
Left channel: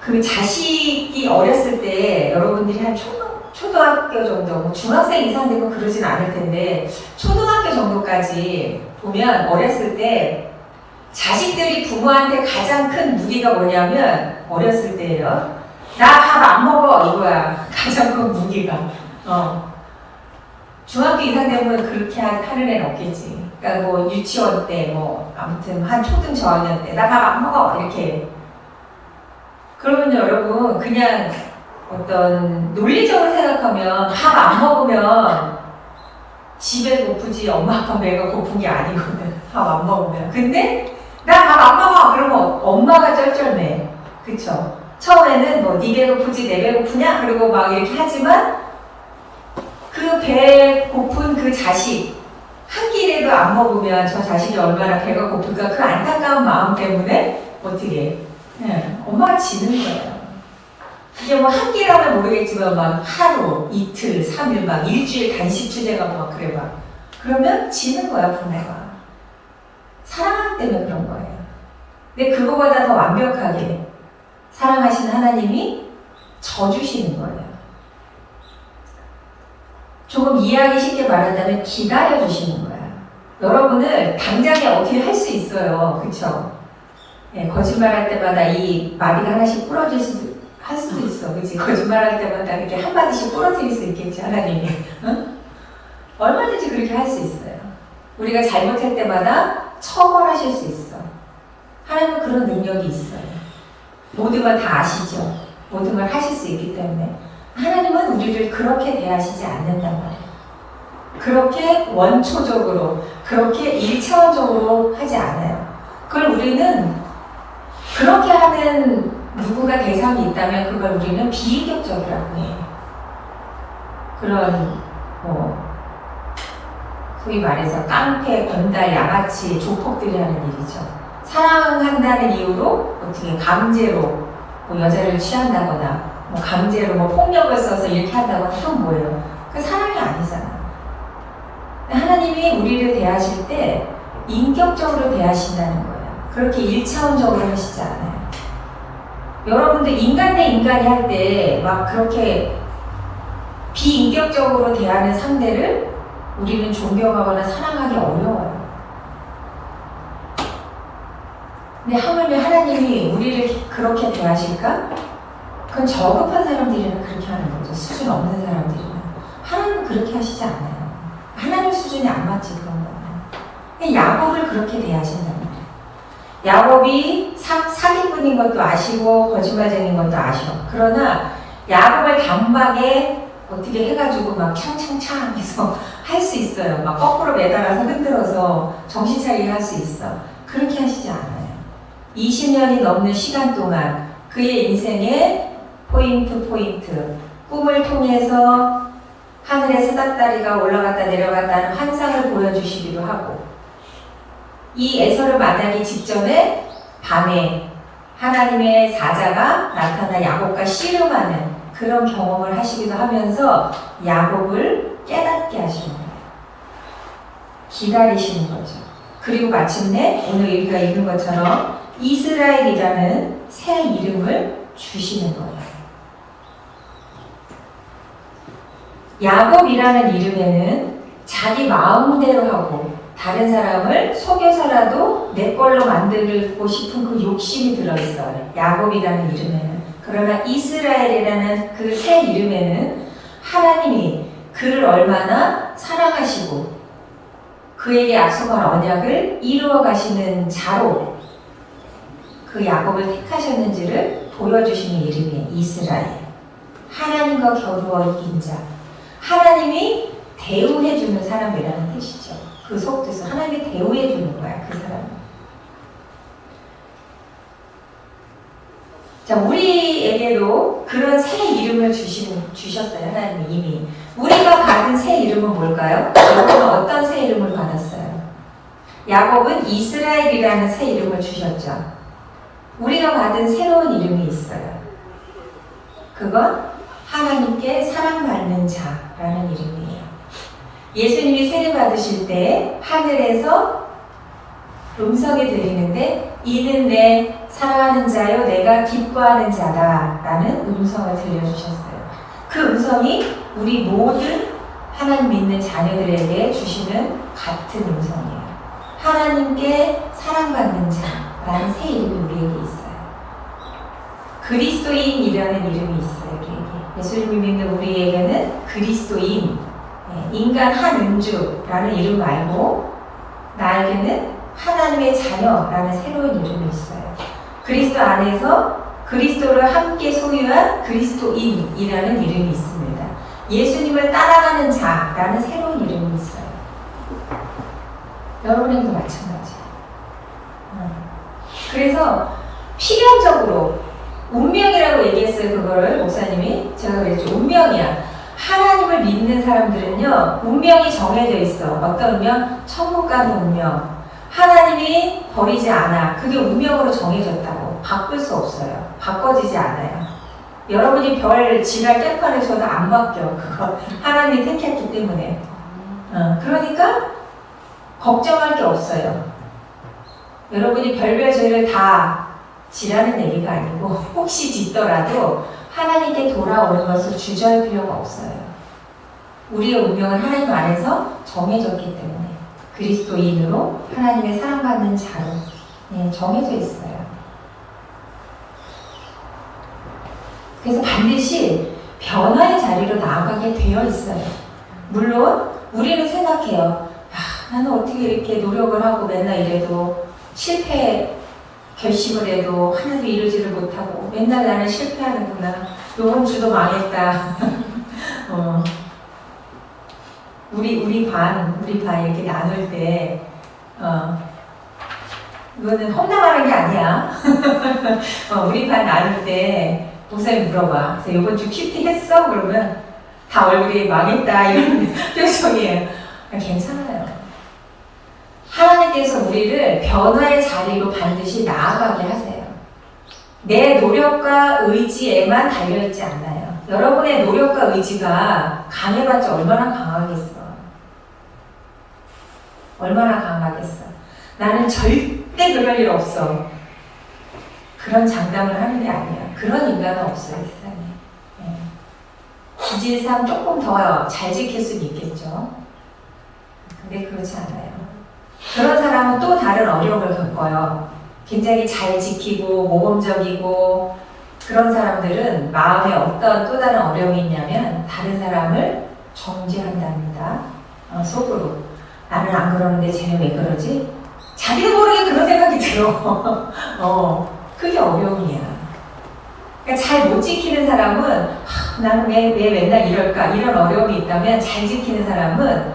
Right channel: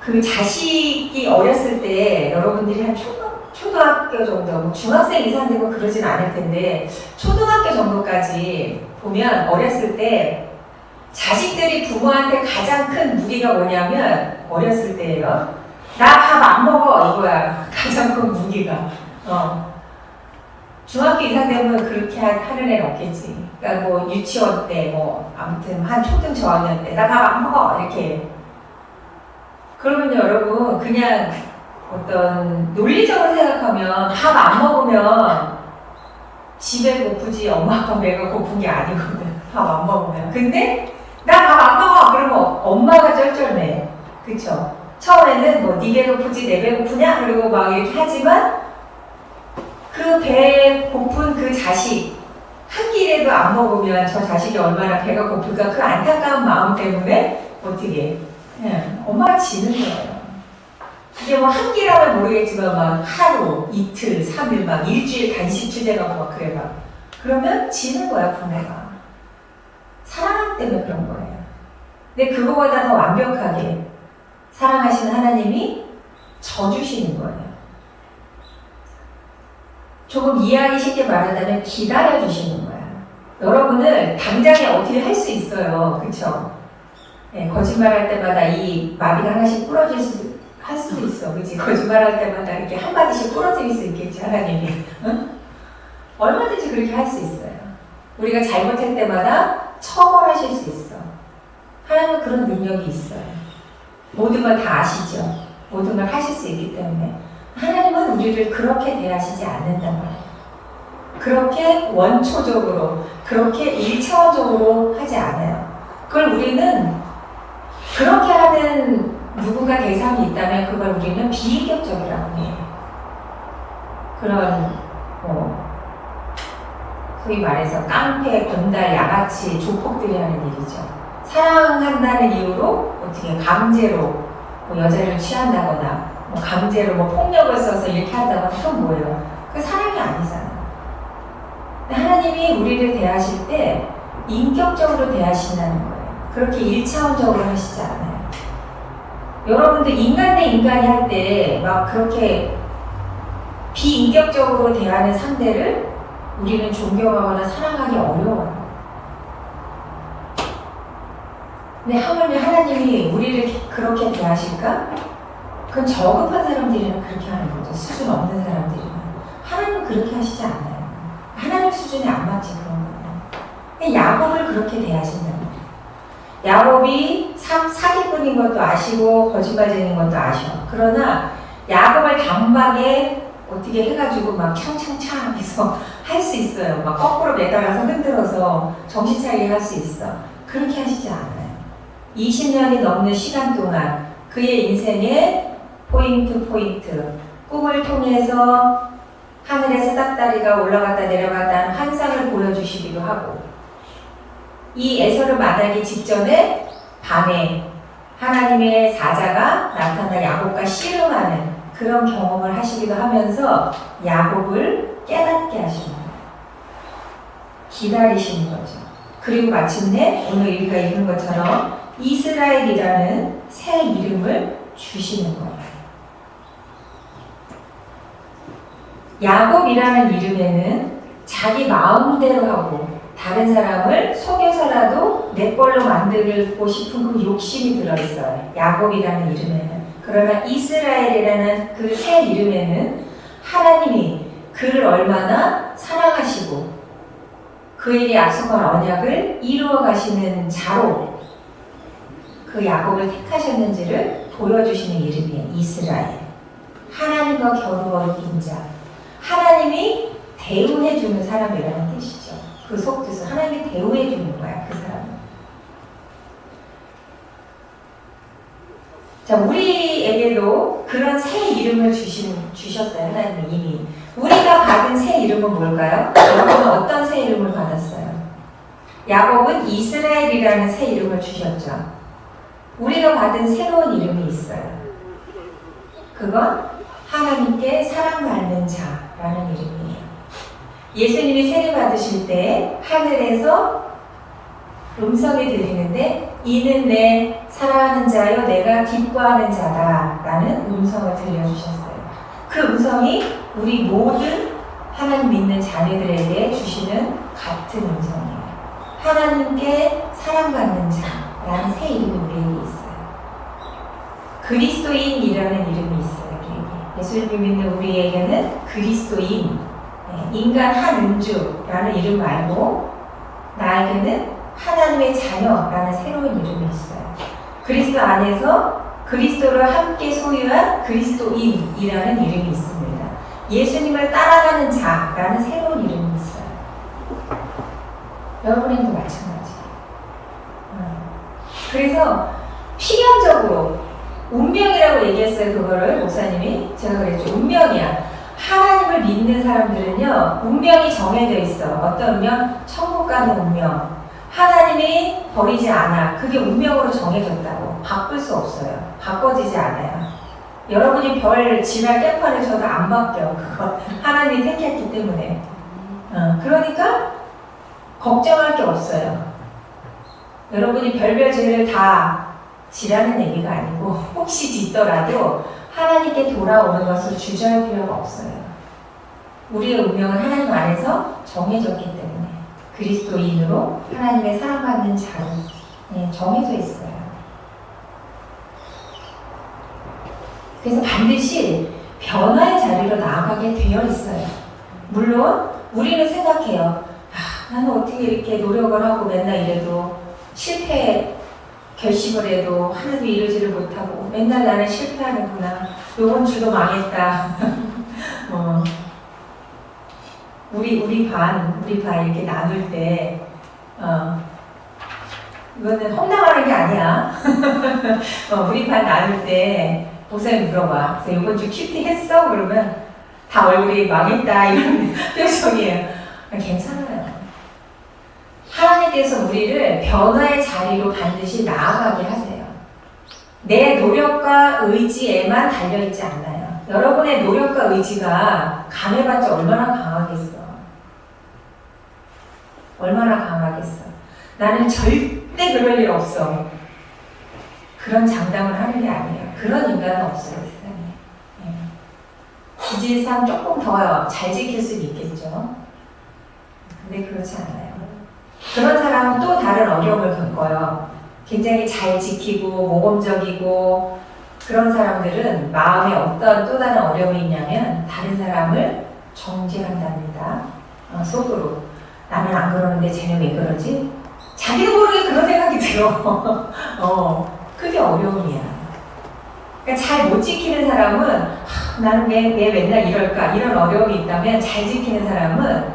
그 자식이 어렸을 때 여러분들이 한 초등학교 정도, 중학생 이상 되면 그러진 않을 텐데, 초등학교 정도까지 보면 어렸을 때 자식들이 부모한테 가장 큰 무기가 뭐냐면, 어렸을 때예요. 나 밥 안 먹어, 이거야. 가장 큰 무기가. 중학교 이상 되면 그렇게 하는 애는 없겠지. 그러니까 뭐 유치원 때, 아무튼 한 초등 저학년 때, 나 밥 안 먹어, 이렇게. 그러면 여러분, 그냥 어떤 논리적으로 생각하면 밥 안 먹으면 집에 고프지 엄마 아빠 배가 고픈 게 아니거든. 밥 안 먹으면. 근데 나 밥 안 먹어 그러면 엄마가 쩔쩔매. 그쵸? 처음에는 뭐 네 배 고프지 내 배 고프냐? 그리고 막 이렇게 하지만 그 배 고픈 그 자식 한 끼라도 안 먹으면 저 자식이 얼마나 배가 고플까, 그 안타까운 마음 때문에 어떻게 엄마가 지는 거예요. 이게 뭐 한 끼라면 모르겠지만 막 하루, 이틀, 3일 막 일주일 단식 투쟁하고 막 그래 막. 그러면 지는 거야, 부모가. 사랑하기 때문에 그런 거예요. 근데 그거보다 더 완벽하게 사랑하시는 하나님이 져주시는 거예요. 조금 이해하기 쉽게 말한다면 기다려주시는 거야. 여러분을 당장에 어떻게 할 수 있어요. 그쵸? 네, 거짓말할 때마다 이 마디가 하나씩 부러질 수도 있어. 그치? 거짓말할 때마다 이렇게 한마디씩 부러질 수 있겠지, 하나님이. 응? 얼마든지 그렇게 할 수 있어요. 우리가 잘못할 때마다 처벌하실 수 있어. 하나님은 그런 능력이 있어요. 모든 걸 다 아시죠? 모든 걸 하실 수 있기 때문에. 하나님은 우리를 그렇게 대하시지 않는단 말이에요. 그렇게 원초적으로, 그렇게 1차원적으로 하지 않아요. 그걸 우리는 그렇게 하는 누군가 대상이 있다면 그걸 우리는 비인격적이라고 해요. 그런 소위 말해서 깡패, 변달, 양아치, 조폭들이 하는 일이죠. 사랑한다는 이유로 어떻게 강제로 뭐 여자를 취한다거나 뭐 강제로 뭐 폭력을 써서 이렇게 한다거나 그건 뭐예요? 그 사랑이 아니잖아요. 하나님이 우리를 대하실 때 인격적으로 대하신다는 거예요. 그렇게 1차원적으로 하시지 않아요. 여러분들 인간 대 인간이 할 때 막 그렇게 비인격적으로 대하는 상대를 우리는 존경하거나 사랑하기 어려워요. 근데 하물며 하나님이 우리를 그렇게 대하실까? 그건 저급한 사람들이면 그렇게 하는 거죠. 수준 없는 사람들이면. 하나님은 그렇게 하시지 않아요. 하나님 수준이 안 맞지 그런 거는. 야곱을 그렇게 대하신다는 거예요. 야곱이 사기꾼인 것도 아시고 거짓말쟁인 것도 아셔. 그러나 야곱을 단박에 어떻게 해가지고 막 창창창 해서 할 수 있어요. 막 거꾸로 매달아서 흔들어서 정신 차리게 할 수 있어. 그렇게 하시지 않아요. 20년이 넘는 시간 동안 그의 인생의 포인트 꿈을 통해서 하늘에 사닥다리가 올라갔다 내려갔다는 환상을 보여주시기도 하고 이 에서를 만나기 직전에 밤에 하나님의 사자가 나타나 야곱과 씨름하는 그런 경험을 하시기도 하면서 야곱을 깨닫게 하시는 거예요. 기다리시는 거죠. 그리고 마침내 오늘 우리가 읽은 것처럼 이스라엘이라는 새 이름을 주시는 거예요. 야곱이라는 이름에는 자기 마음대로 하고 다른 사람을 속여서라도 내 걸로 만들고 싶은 그 욕심이 들어있어요. 야곱이라는 이름에는. 그러나 이스라엘이라는 그 새 이름에는 하나님이 그를 얼마나 사랑하시고 그에게 약속한 언약을 이루어 가시는 자로 그 야곱을 택하셨는지를 보여주시는 이름이에요. 이스라엘. 하나님과 겨루어 이긴 자. 하나님이 대우해주는 사람이라는 뜻이죠. 그 속뜻은 하나님이 대우해주는 거야, 그 사람은. 자, 우리에게도 그런 새 이름을 주셨어요, 하나님이 이미. 우리가 받은 새 이름은 뭘까요? 여러분은 어떤 새 이름을 받았어요? 야곱은 이스라엘이라는 새 이름을 주셨죠. 우리가 받은 새로운 이름이 있어요. 그건 하나님께 사랑받는 자라는 이름이에요. 예수님이 세례받으실 때 하늘에서 음성이 들리는데 이는 내 사랑하는 자요 내가 기뻐하는 자다 라는 음성을 들려주셨어요. 그 음성이 우리 모든 하나님 믿는 자녀들에게 주시는 같은 음성이에요. 하나님께 사랑받는 자라는 새 이름이 우리에게 있어요. 그리스도인이라는 이름이 있어요. 우리에게. 예수님을 믿는 우리에게는 그리스도인, 인간 한은주라는 이름 말고 나에게는 하나님의 자녀라는 새로운 이름이 있어요. 그리스도 안에서 그리스도를 함께 소유한 그리스도인이라는 이름이 있습니다. 예수님을 따라가는 자라는 새로운 이름이 있어요. 여러분에게도 마찬가지예요. 그래서 필연적으로 운명이라고 얘기했어요. 그거를 목사님이. 제가 그랬죠. 운명이야. 하나님을 믿는 사람들은요, 운명이 정해져 있어. 어떤 운명? 천국 가는 운명. 하나님이 버리지 않아. 그게 운명으로 정해졌다고. 바꿀 수 없어요. 바꿔지지 않아요. 여러분이 별 지날 깨판에 저도 안 바뀌어. 그거 하나님이 택했기 때문에. 그러니까 걱정할 게 없어요. 여러분이 별별 죄를 다 지라는 얘기가 아니고 혹시 짓더라도 하나님께 돌아오는 것을 주저할 필요가 없어요. 우리의 운명은 하나님 안에서 정해졌기 때문에 그리스도인으로 하나님의 사랑받는 자로 정해져 있어요. 그래서 반드시 변화의 자리로 나아가게 되어 있어요. 물론 우리는 생각해요. 나는 어떻게 이렇게 노력을 하고 맨날 이래도 실패 결심을 해도 하나도 이루지를 못하고 맨날 나는 실패하는구나. 요번 주도 망했다. 우리 반 이렇게 나눌 때 이거는 험담하는 게 아니야. 우리 반 나눌 때 목사님 물어봐. 그래서 이번 주 큐티 했어? 그러면 다 얼굴이 망했다 이런 표정이에요. 괜찮아요. 하나님께 하나님께서 우리를 변화의 자리로 반드시 나아가게 하세요. 내 노력과 의지에만 달려있지 않아요. 여러분의 노력과 의지가 강해봤자 얼마나 강하겠어. 얼마나 강하겠어. 나는 절대 그럴 일 없어. 그런 장담을 하는 게 아니에요. 그런 인간은 없어요, 세상에. 네. 기질상 조금 더 잘 지킬 수는 있겠죠. 근데 그렇지 않아요. 그런 사람은 또 다른 어려움을 겪어요. 굉장히 잘 지키고 모범적이고 그런 사람들은 마음에 어떤 또 다른 어려움이 있냐면 다른 사람을 정죄한답니다. 속으로. 나는 안 그러는데 쟤는 왜 그러지? 자기도 모르게 그런 생각이 들어. 그게 어려움이야. 그러니까 잘 못 지키는 사람은 나는 왜 맨날 이럴까? 이런 어려움이 있다면 잘 지키는 사람은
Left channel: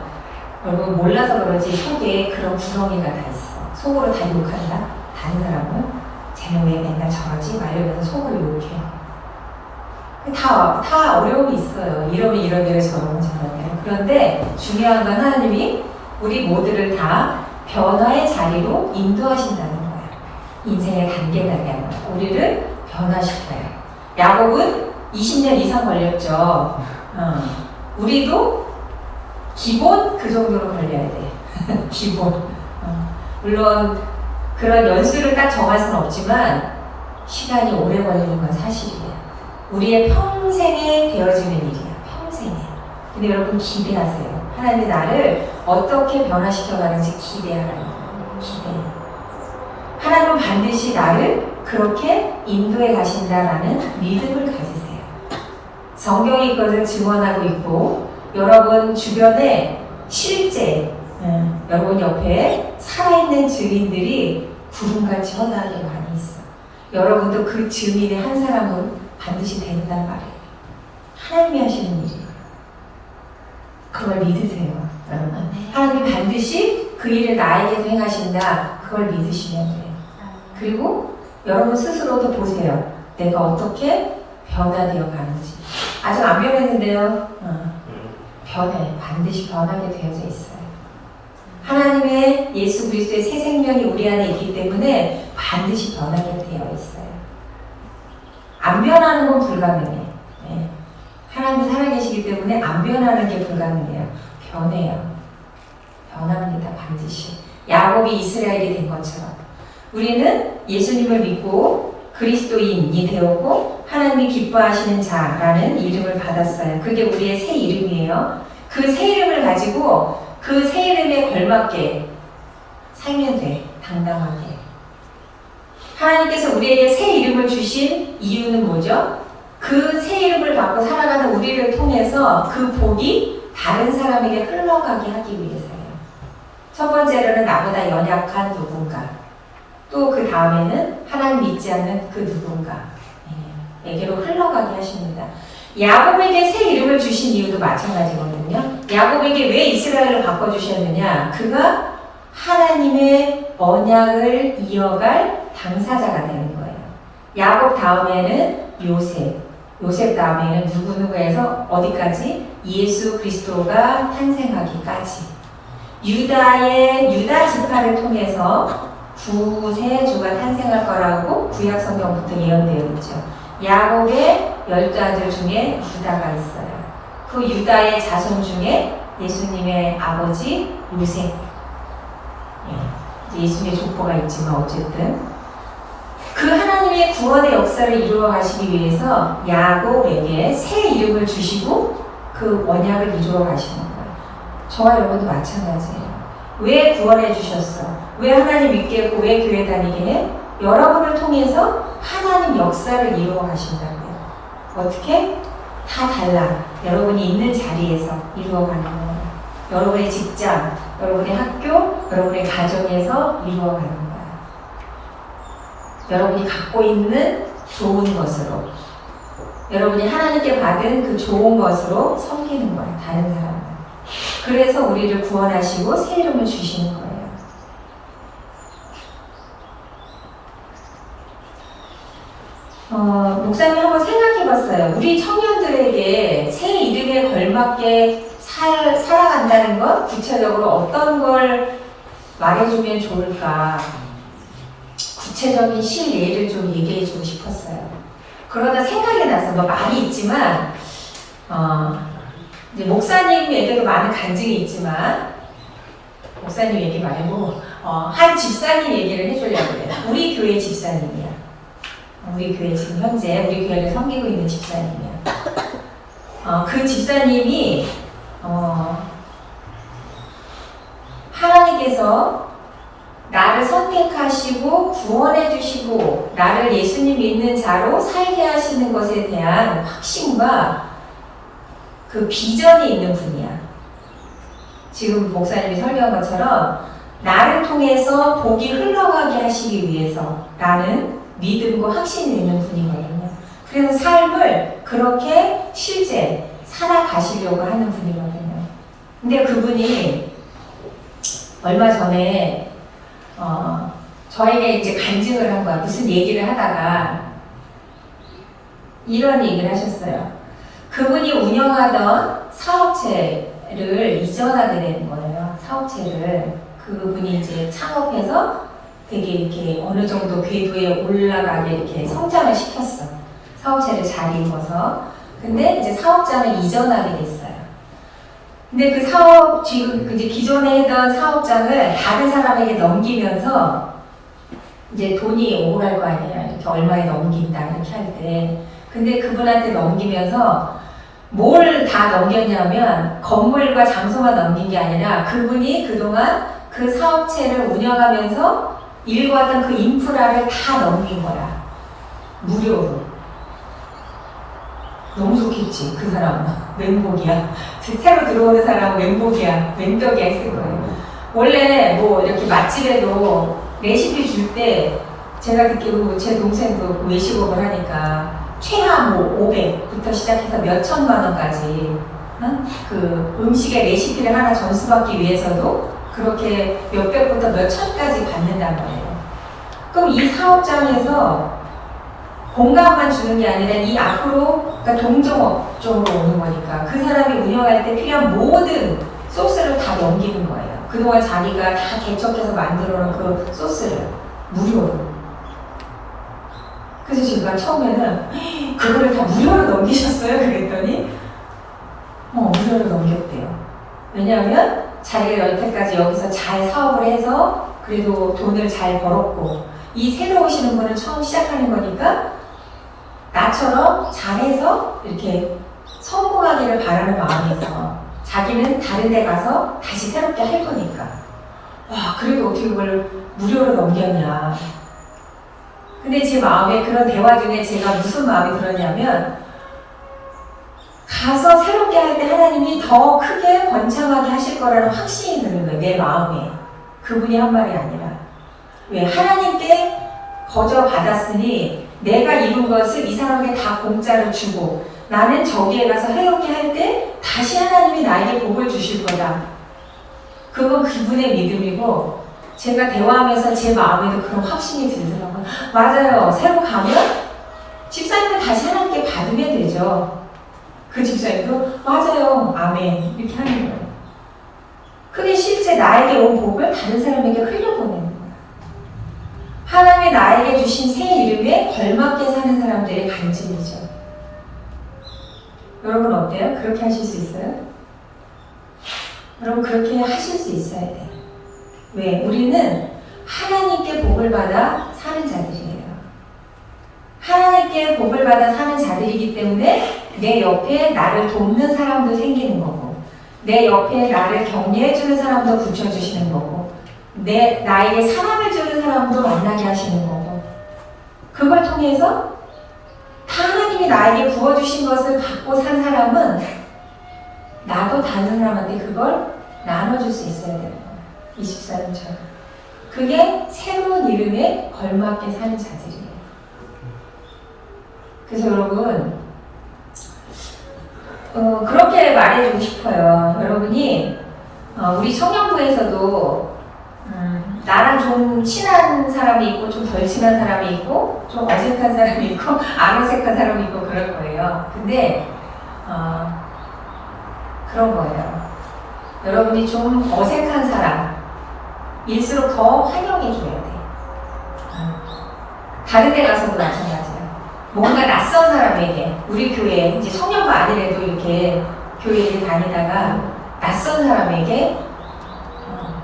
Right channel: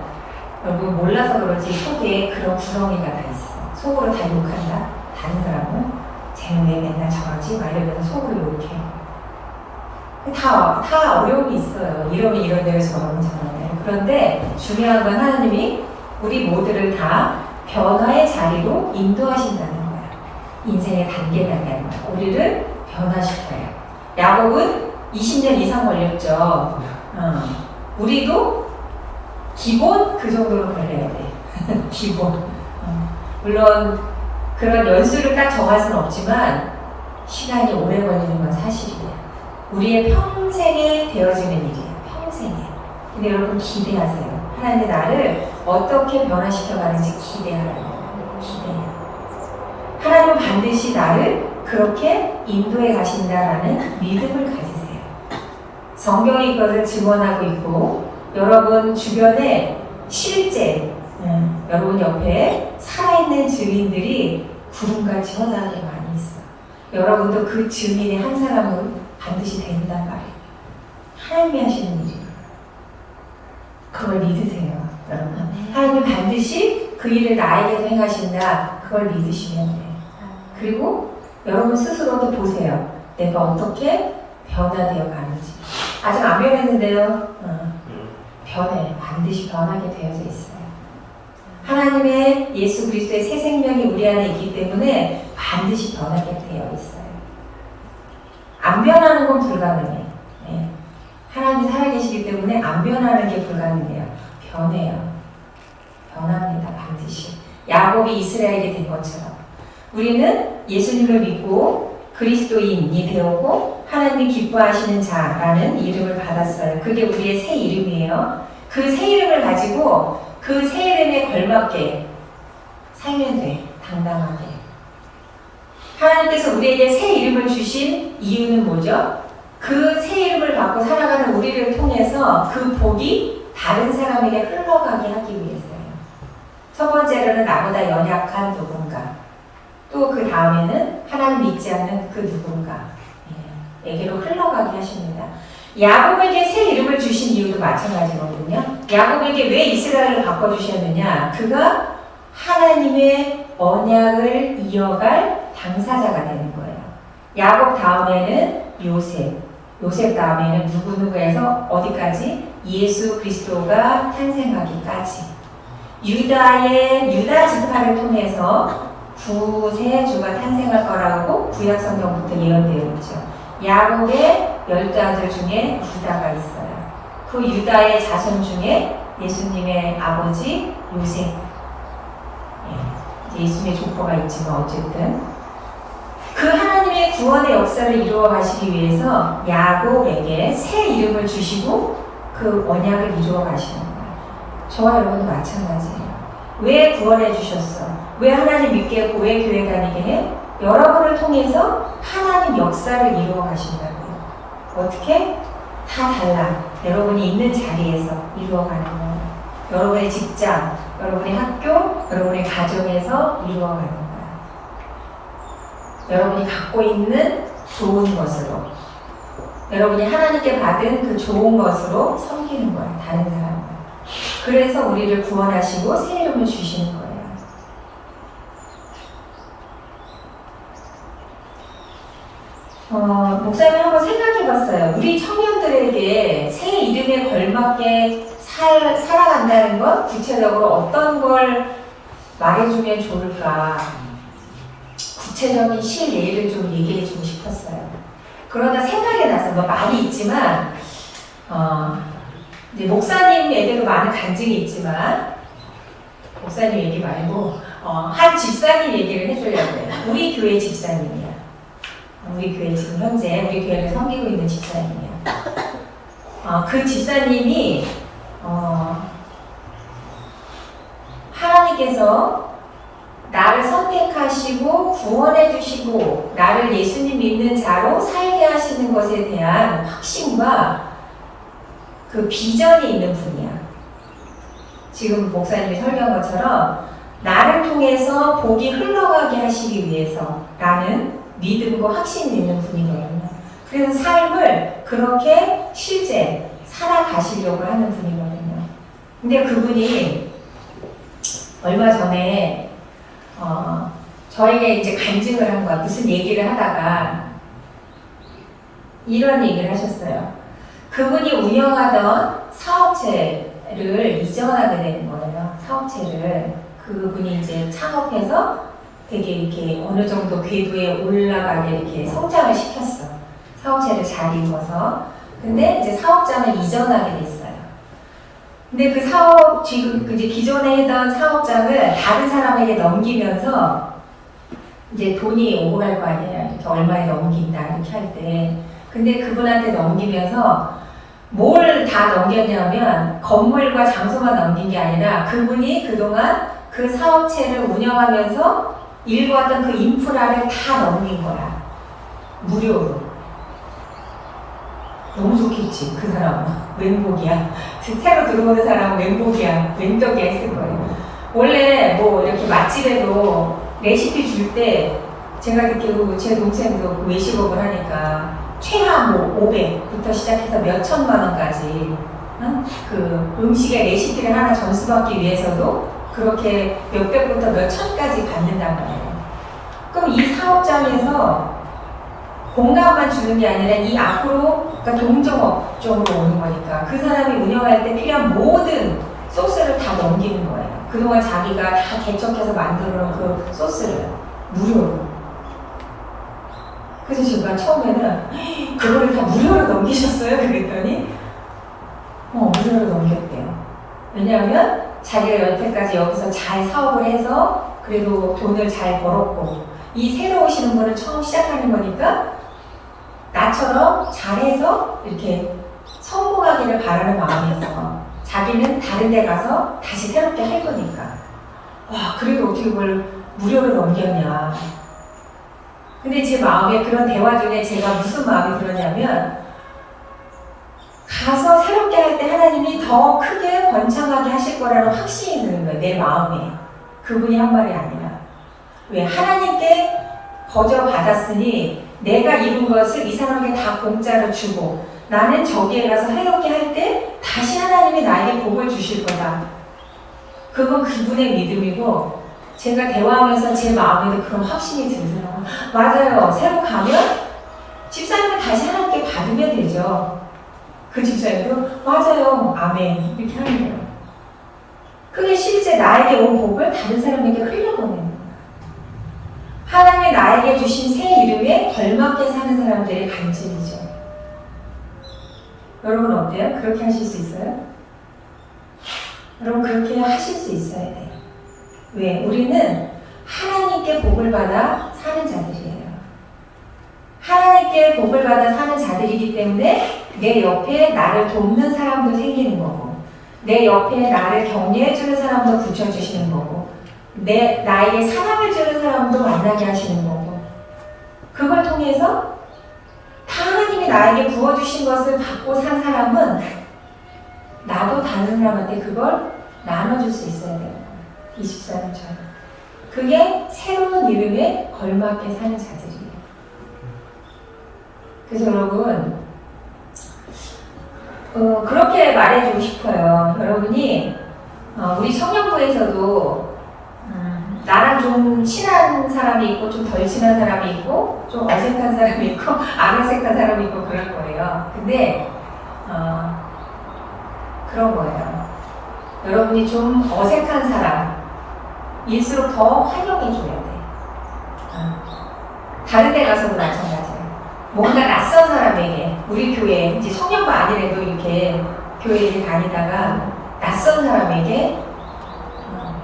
여러분 몰라서 그러지 속에 그런 구렁이가 다 있어. 속으로 다 욕한다. 다른 사람은 쟤는 왜 맨날 저러지? 막 이러면서 속으로 욕해. 다 어려움이 있어요. 이러면 이런 대로 저러면 저러면. 그런데 중요한 건 하나님이 우리 모두를 다 변화의 자리로 인도하신다는 거야. 인생의 단계단계 우리를 변화시켜요. 야곱은 20년 이상 걸렸죠. 우리도 기본 그 정도로 걸려야 돼. 기본. 물론 그런 연수를 딱 정할 수는 없지만 시간이 오래 걸리는 건 사실이에요. 우리의 평생에 되어지는 일이에요. 평생에. 근데 여러분 기대하세요. 하나님이 나를 어떻게 변화시켜가는지 기대하라고. 기대해요. 하나님은 반드시 나를 그렇게 인도해 가신다라는 믿음을 가지세요. 성경이 이것을 증언하고 있고 여러분 주변에 실제 여러분 옆에 살아있는 증인들이 구름같이 허다하게 많이 있어. 여러분도 그 증인의 한 사람은 반드시 된단 말이에요. 하나님이 하시는 일이에요. 그걸 믿으세요, 여러분. 하나님이 반드시 그 일을 나에게도 행하신다. 그걸 믿으시면 돼요. 그리고 여러분 스스로도 보세요. 내가 어떻게 변화되어 가는지. 아직 안 변했는데요. 변해. 반드시 변하게 되어져 있어요. 하나님의 예수 그리스도의 새 생명이 우리 안에 있기 때문에 반드시 변하게 되어 있어요. 안 변하는 건 불가능해. 네. 하나님이 살아계시기 때문에 안 변하는 게 불가능해요. 변해요. 변합니다. 반드시. 야곱이 이스라엘이 된 것처럼 우리는 예수님을 믿고 그리스도인이 되었고 하나님이 기뻐하시는 자라는 이름을 받았어요. 그게 우리의 새 이름이에요. 그 새 이름을 가지고 그 새 이름에 걸맞게 살면 돼. 당당하게. 하나님께서 우리에게 새 이름을 주신 이유는 뭐죠? 그 새 이름을 받고 살아가는 우리를 통해서 그 복이 다른 사람에게 흘러가게 하기 위해서예요. 첫 번째로는 나보다 연약한 누군가. 또 그 다음에는 하나님 믿지 않는 그 누군가에게로 흘러가게 하십니다. 야곱에게 새 이름을 주신 이유도 마찬가지거든요. 야곱에게 왜 이스라엘을 바꿔주셨느냐? 그가 하나님의 언약을 이어갈 당사자가 되는 거예요. 야곱 다음에는 요셉 다음에는 누구누구해서 어디까지? 예수 그리스도가 탄생하기까지. 유다 지파를 통해서 구세주가 탄생할 거라고 구약 성경부터 예언되어 있죠. 야곱의 12아들 중에 유다가 있어요. 그 유다의 자손 중에 예수님의 아버지 요셉. 이제 예수님의 족보가 있지만 어쨌든 그 하나님의 구원의 역사를 이루어 가시기 위해서 야곱에게 새 이름을 주시고 그 언약을 이루어 가시는 거예요. 저와 여러분도 마찬가지예요. 왜 구원해 주셨어? 왜 하나님 믿게 했고 왜 교회 다니게 해? 여러분을 통해서 하나님 역사를 이루어 가신다고요. 어떻게? 다 달라. 여러분이 있는 자리에서 이루어 가는 거예요. 여러분의 직장, 여러분의 학교, 여러분의 가정에서 이루어 가는 거예요. 여러분이 갖고 있는 좋은 것으로, 여러분이 하나님께 받은 그 좋은 것으로 섬기는 거예요. 다른 사람을. 그래서 우리를 구원하시고 새 이름을 주시는 거예요. 목사님 한번 생각해봤어요. 우리 청년들에게 새 이름에 걸맞게 살아간다는 것, 구체적으로 어떤 걸 말해주면 좋을까? 구체적인 실예를 좀 얘기해주고 싶었어요. 그러다 생각이 나서 뭐 말이 있지만 이제 목사님에게도 많은 간증이 있지만 목사님 얘기 말고 한 집사님 얘기를 해주려고 해요. 우리 교회 집사님이야. 우리 교회 지금 현재 우리 교회를 섬기고 있는 집사님이야. 그 집사님이 하나님께서 나를 선택하시고 구원해 주시고 나를 예수님 믿는 자로 살게 하시는 것에 대한 확신과 그 비전이 있는 분이야. 지금 목사님이 설교한 것처럼 나를 통해서 복이 흘러가게 하시기 위해서 라는 믿음과 확신이 있는 분이거든요. 그래서 삶을 그렇게 실제 살아가시려고 하는 분이거든요. 근데 그분이 얼마 전에 저에게 이제 간증을 한 거야. 무슨 얘기를 하다가 이런 얘기를 하셨어요. 그분이 운영하던 사업체를 이전하게 되는 거예요. 사업체를 그분이 이제 창업해서 되게 이렇게 어느 정도 궤도에 올라가게 이렇게 성장을 시켰어. 사업체를 잘 이루어서. 근데 이제 사업장을 이전하게 됐어요. 근데 그 사업, 지금 이제 기존에 했던 사업장을 다른 사람에게 넘기면서 이제 돈이 오갈 거 아니에요. 이렇게 얼마에 넘긴다, 이렇게 할 때. 근데 그분한테 넘기면서 뭘 다 넘겼냐면 건물과 장소만 넘긴 게 아니라 그분이 그동안 그 사업체를 운영하면서 일궈왔던 그 인프라를 다 넘긴 거야. 무료로. 너무 좋겠지, 그 사람. 왼복이야. 새로 들어오는 사람 왼복이야. 왼떡이야 했을 거예요. 원래 뭐 이렇게 맛집에도 레시피 줄 때 제가 듣기로 제 동생도 외식업을 하니까 최하 뭐 500부터 시작해서 몇 천만 원까지 그 음식의 레시피를 하나 전수받기 위해서도 그렇게 몇백부터 몇 천까지 받는단 말이에요. 그럼 이 사업장에서 공간만 주는 게 아니라 이 앞으로 그러니까 동종업종으로 오는 거니까 그 사람이 운영할 때 필요한 모든 소스를 다 넘기는 거예요. 그동안 자기가 다 개척해서 만들어 놓은 그 소스를 무료로. 그래서 제가 처음에는 그거를 다 무료로 넘기셨어요? 그랬더니 무료로 넘겼대요. 왜냐하면 자기가 여태까지 여기서 잘 사업을 해서 그래도 돈을 잘 벌었고 이 새로 오시는 분은 처음 시작하는 거니까 나처럼 잘해서 이렇게 성공하기를 바라는 마음에서 자기는 다른 데 가서 다시 새롭게 할 거니까 그래도 어떻게 그걸 무료로 넘겼냐. 근데 제 마음에 그런 대화 중에 제가 무슨 마음이 들었냐면 가서 새롭게 할 때 하나님이 더 크게 번창하게 하실 거라는 확신이 드는 거예요. 내 마음에. 그분이 한 말이 아니라. 왜? 하나님께 거저 받았으니 내가 이룬 것을 이 사람에게 다 공짜로 주고 나는 저기에 가서 새롭게 할 때 다시 하나님이 나에게 복을 주실 거다. 그건 그분의 믿음이고 제가 대화하면서 제 마음에도 그런 확신이 들더라고요. 맞아요. 새로 가면 집사님은 다시 하나님께 받으면 되죠. 그 집사님도 맞아요. 아멘. 이렇게 하는 거예요. 그게 실제 나에게 온 복을 다른 사람에게 흘려보내는 거예요. 하나님이 나에게 주신 새 이름에 걸맞게 사는 사람들의 간증이죠. 여러분 어때요? 그렇게 하실 수 있어요? 여러분 그렇게 하실 수 있어야 돼요. 왜? 우리는 하나님께 복을 받아 사는 자들이에요. 하나님께 복을 받아 사는 자들이기 때문에 내 옆에 나를 돕는 사람도 생기는 거고 내 옆에 나를 격려해주는 사람도 붙여주시는 거고 나에게 사랑을 주는 사람도 만나게 하시는 거고 그걸 통해서 하나님이 나에게 부어주신 것을 받고 산 사람은 나도 다른 사람한테 그걸 나눠줄 수 있어야 돼요. 24년처럼. 그게 새로운 이름에 걸맞게 사는 자들이에요. 그래서 여러분 그렇게 말해주고 싶어요. 여러분이 우리 청년부에서도 나랑 좀 친한 사람이 있고 좀 덜 친한 사람이 있고 좀 어색한 사람이 있고 안 어색한 사람이 있고 그럴 거예요. 근데 그런 거예요. 여러분이 좀 어색한 사람 일수록 더 환영해 줘야 돼. 다른 데 가서도 마찬가지야. 뭔가 낯선 사람에게, 우리 교회, 이제 청년부 아니래도 이렇게 교회를 다니다가 낯선 사람에게,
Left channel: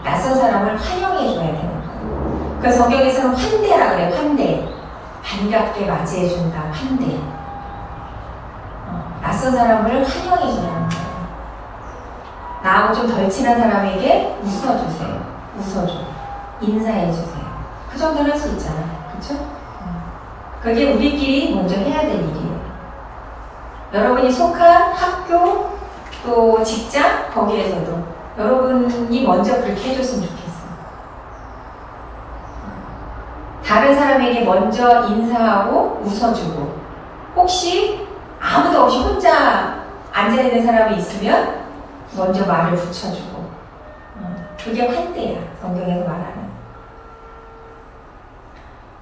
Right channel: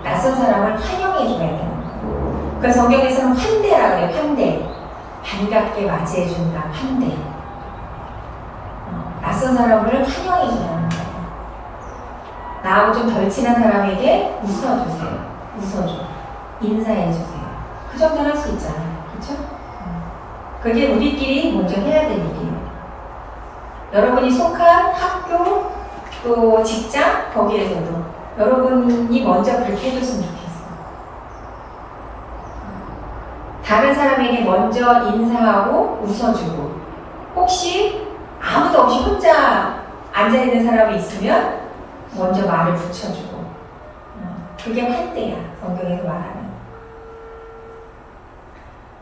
낯선 사람을 환영해 줘야 되는 거야. 그 성경에서는 환대라고 해요. 환대. 반갑게 맞이해 준다. 환대. 낯선 사람을 환영해 주는 거예요. 나하고 좀 덜 친한 사람에게 웃어주세요. 웃어줘. 인사해주세요. 그 정도는 할 수 있잖아요. 그쵸? 그게 우리끼리 먼저 해야 될 일이에요. 여러분이 속한 학교, 또 직장, 거기에서도 여러분이 먼저 그렇게 해줬으면 좋겠어요. 다른 사람에게 먼저 인사하고 웃어주고, 혹시 아무도 없이 혼자 앉아있는 사람이 있으면 먼저 말을 붙여주고, 그게 환대야. 성경에서 말하는.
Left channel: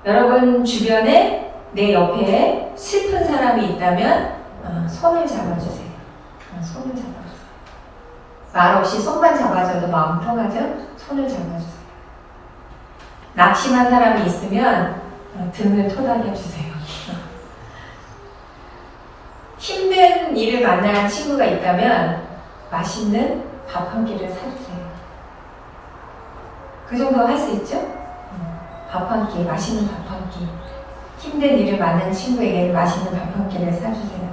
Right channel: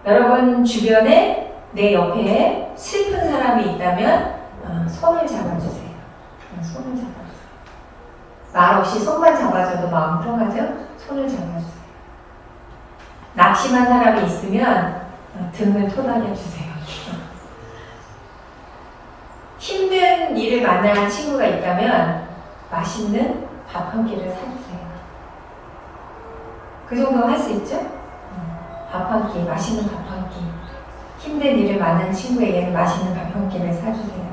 여러분 주변에 내 옆에 슬픈 사람이 있다면 손을 잡아주세요. 손을 잡아주세요. 말 없이 손만 잡아줘도 마음 통하죠? 손을 잡아주세요. 낙심한 사람이 있으면 등을 토닥여주세요. 힘든 일을 만난 친구가 있다면 맛있는 밥 한 끼를 사주세요. 그 정도 할 수 있죠? 밥 한 끼, 맛있는 밥 한 끼. 힘든 일을 만난 친구에게는 맛있는 밥 한 끼를 사주세요.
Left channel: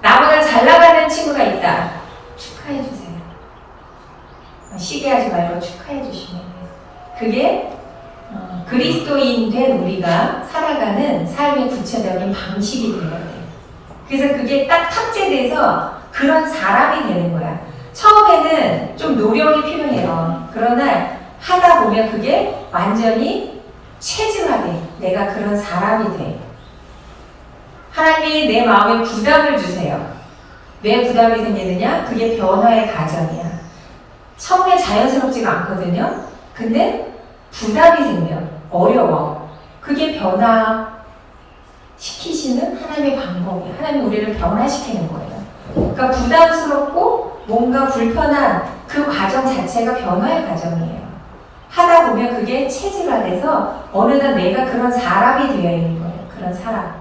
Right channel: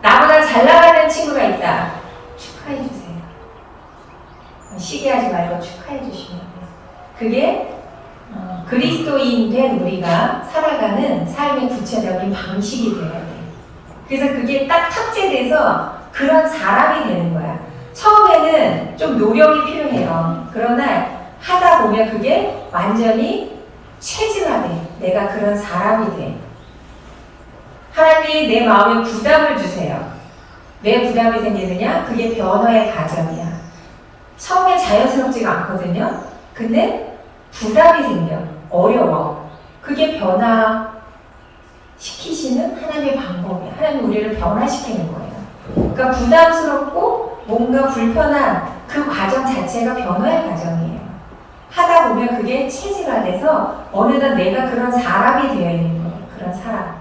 나보다 잘 나가는 친구가 있다. 축하해주세요. 시기하지 말고 축하해주시면 돼요. 그게 그리스도인 된 우리가 살아가는 삶의 구체적인 방식이 되어야 돼요. 그래서 그게 딱 탑재돼서 그런 사람이 되는 거야. 처음에는 좀 노력이 필요해요. 그러나 하다 보면 그게 완전히 체질화돼. 내가 그런 사람이 돼. 하나님이 내 마음에 부담을 주세요. 왜 부담이 생기느냐? 그게 변화의 과정이야. 처음에 자연스럽지가 않거든요. 근데 부담이 생겨. 어려워. 그게 변화시키시는 하나님의 방법이야. 하나님이 우리를 변화시키는 거예요. 그러니까 부담스럽고 뭔가 불편한 그 과정 자체가 변화의 과정이에요. 하다 보면 그게 체질화돼서 어느덧 내가 그런 사람이 되어 있는 거예요. 그런 사람.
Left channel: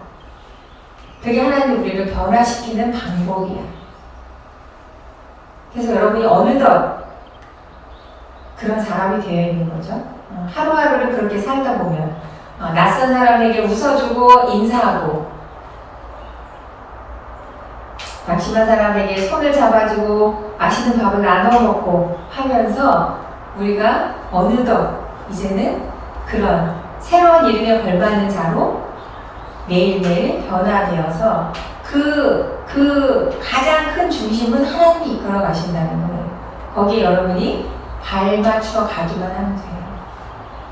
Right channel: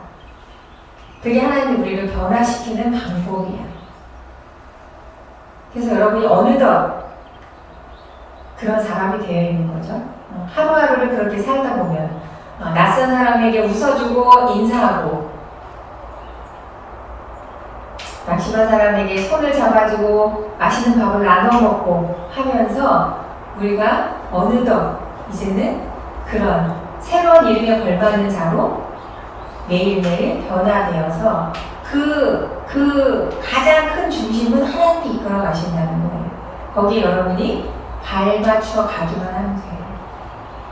그게 하나님이 우리를 변화시키는 방법이야. 그래서 여러분이 어느덧 그런 사람이 되어 있는 거죠. 하루하루를 그렇게 살다 보면 낯선 사람에게 웃어주고 인사하고, 낙심한 사람에게 손을 잡아주고 맛있는 밥을 나눠 먹고 하면서 우리가 어느덧 이제는 그런 새로운 이름에 걸맞는 자로 매일매일 변화되어서 그 가장 큰 중심은 하나님이 이끌어 가신다는 거예요. 거기에 여러분이 발맞춰 가기만 하면 돼요.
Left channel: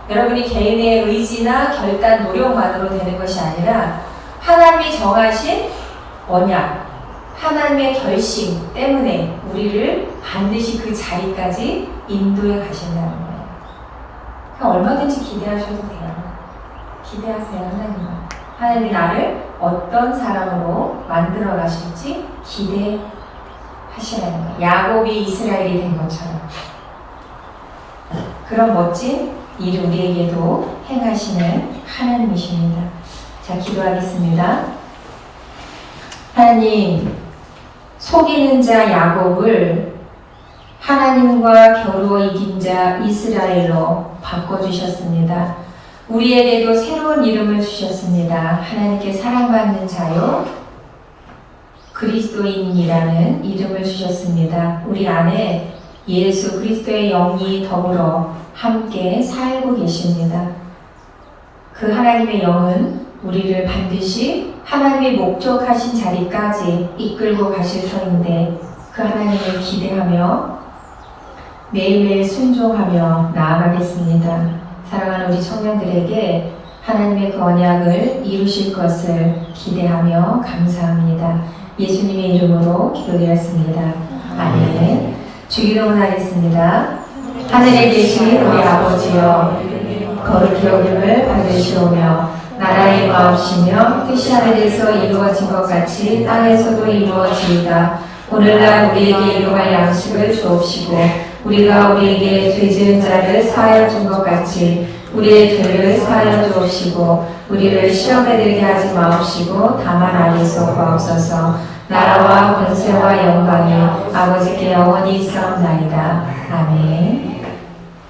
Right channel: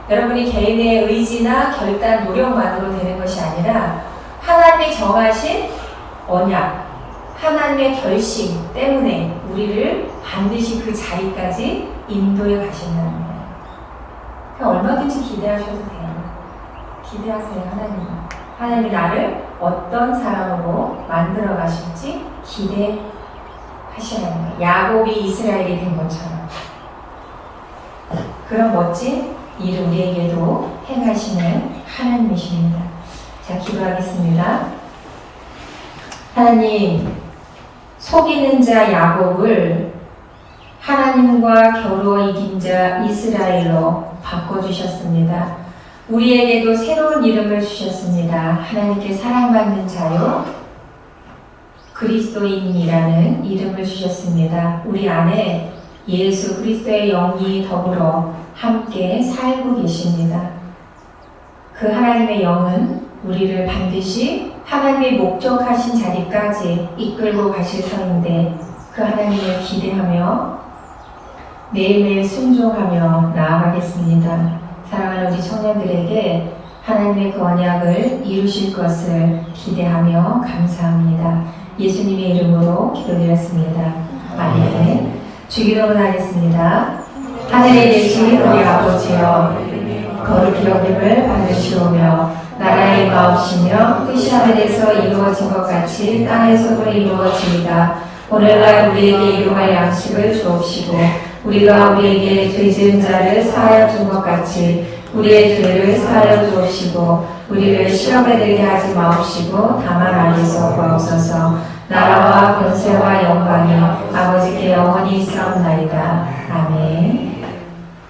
여러분이 개인의 의지나 결단, 노력만으로 되는 것이 아니라 하나님이 정하신 언약, 하나님의 결심 때문에 우리를 반드시 그 자리까지 인도해 가신다는 거예요. 그냥 얼마든지 기대하셔도 돼요. 기대하세요, 하나님. 하나님이 나를 어떤 사람으로 만들어 가실지 기대하시라는 거예요. 야곱이 이스라엘이 된 것처럼. 그런 멋진 일을 우리에게도 행하시는 하나님이십니다. 자, 기도하겠습니다. 하나님, 속이는 자 야곱을 하나님과 겨루어 이긴 자 이스라엘로 바꿔주셨습니다. 우리에게도 새로운 이름을 주셨습니다. 하나님께 사랑받는 자요, 그리스도인이라는 이름을 주셨습니다. 우리 안에 예수 그리스도의 영이 더불어 함께 살고 계십니다. 그 하나님의 영은 우리를 반드시 하나님의 목적하신 자리까지 이끌고 가실 터인데, 그 하나님을 기대하며 매일매일 순종하며 나아가겠습니다. 사랑하는 우리 청년들에게 하나님의 그 언약을 이루실 것을 기대하며 감사합니다. 예수님의 이름으로 기도드렸습니다. 아멘. 주기도문 하겠습니다. 하늘에 계신 우리 아버지여, 거룩히 여김을 받으시오며 나라의 마옵시며 뜻이 하늘에서 이루어진 것 같이 땅에서도 이루어지이다. 오늘날 우리에게 일용할 양식을 주옵시고 우리가 우리에게 죄 지은 자를 사하여 준 것 같이 우리의 죄를 사하여 주옵시고 우리를 시험에 들게 하지 마옵시고 다만 안에서 구하옵소서. 나라와 권세와 영광이 아버지께 영원히 있사옵나이다.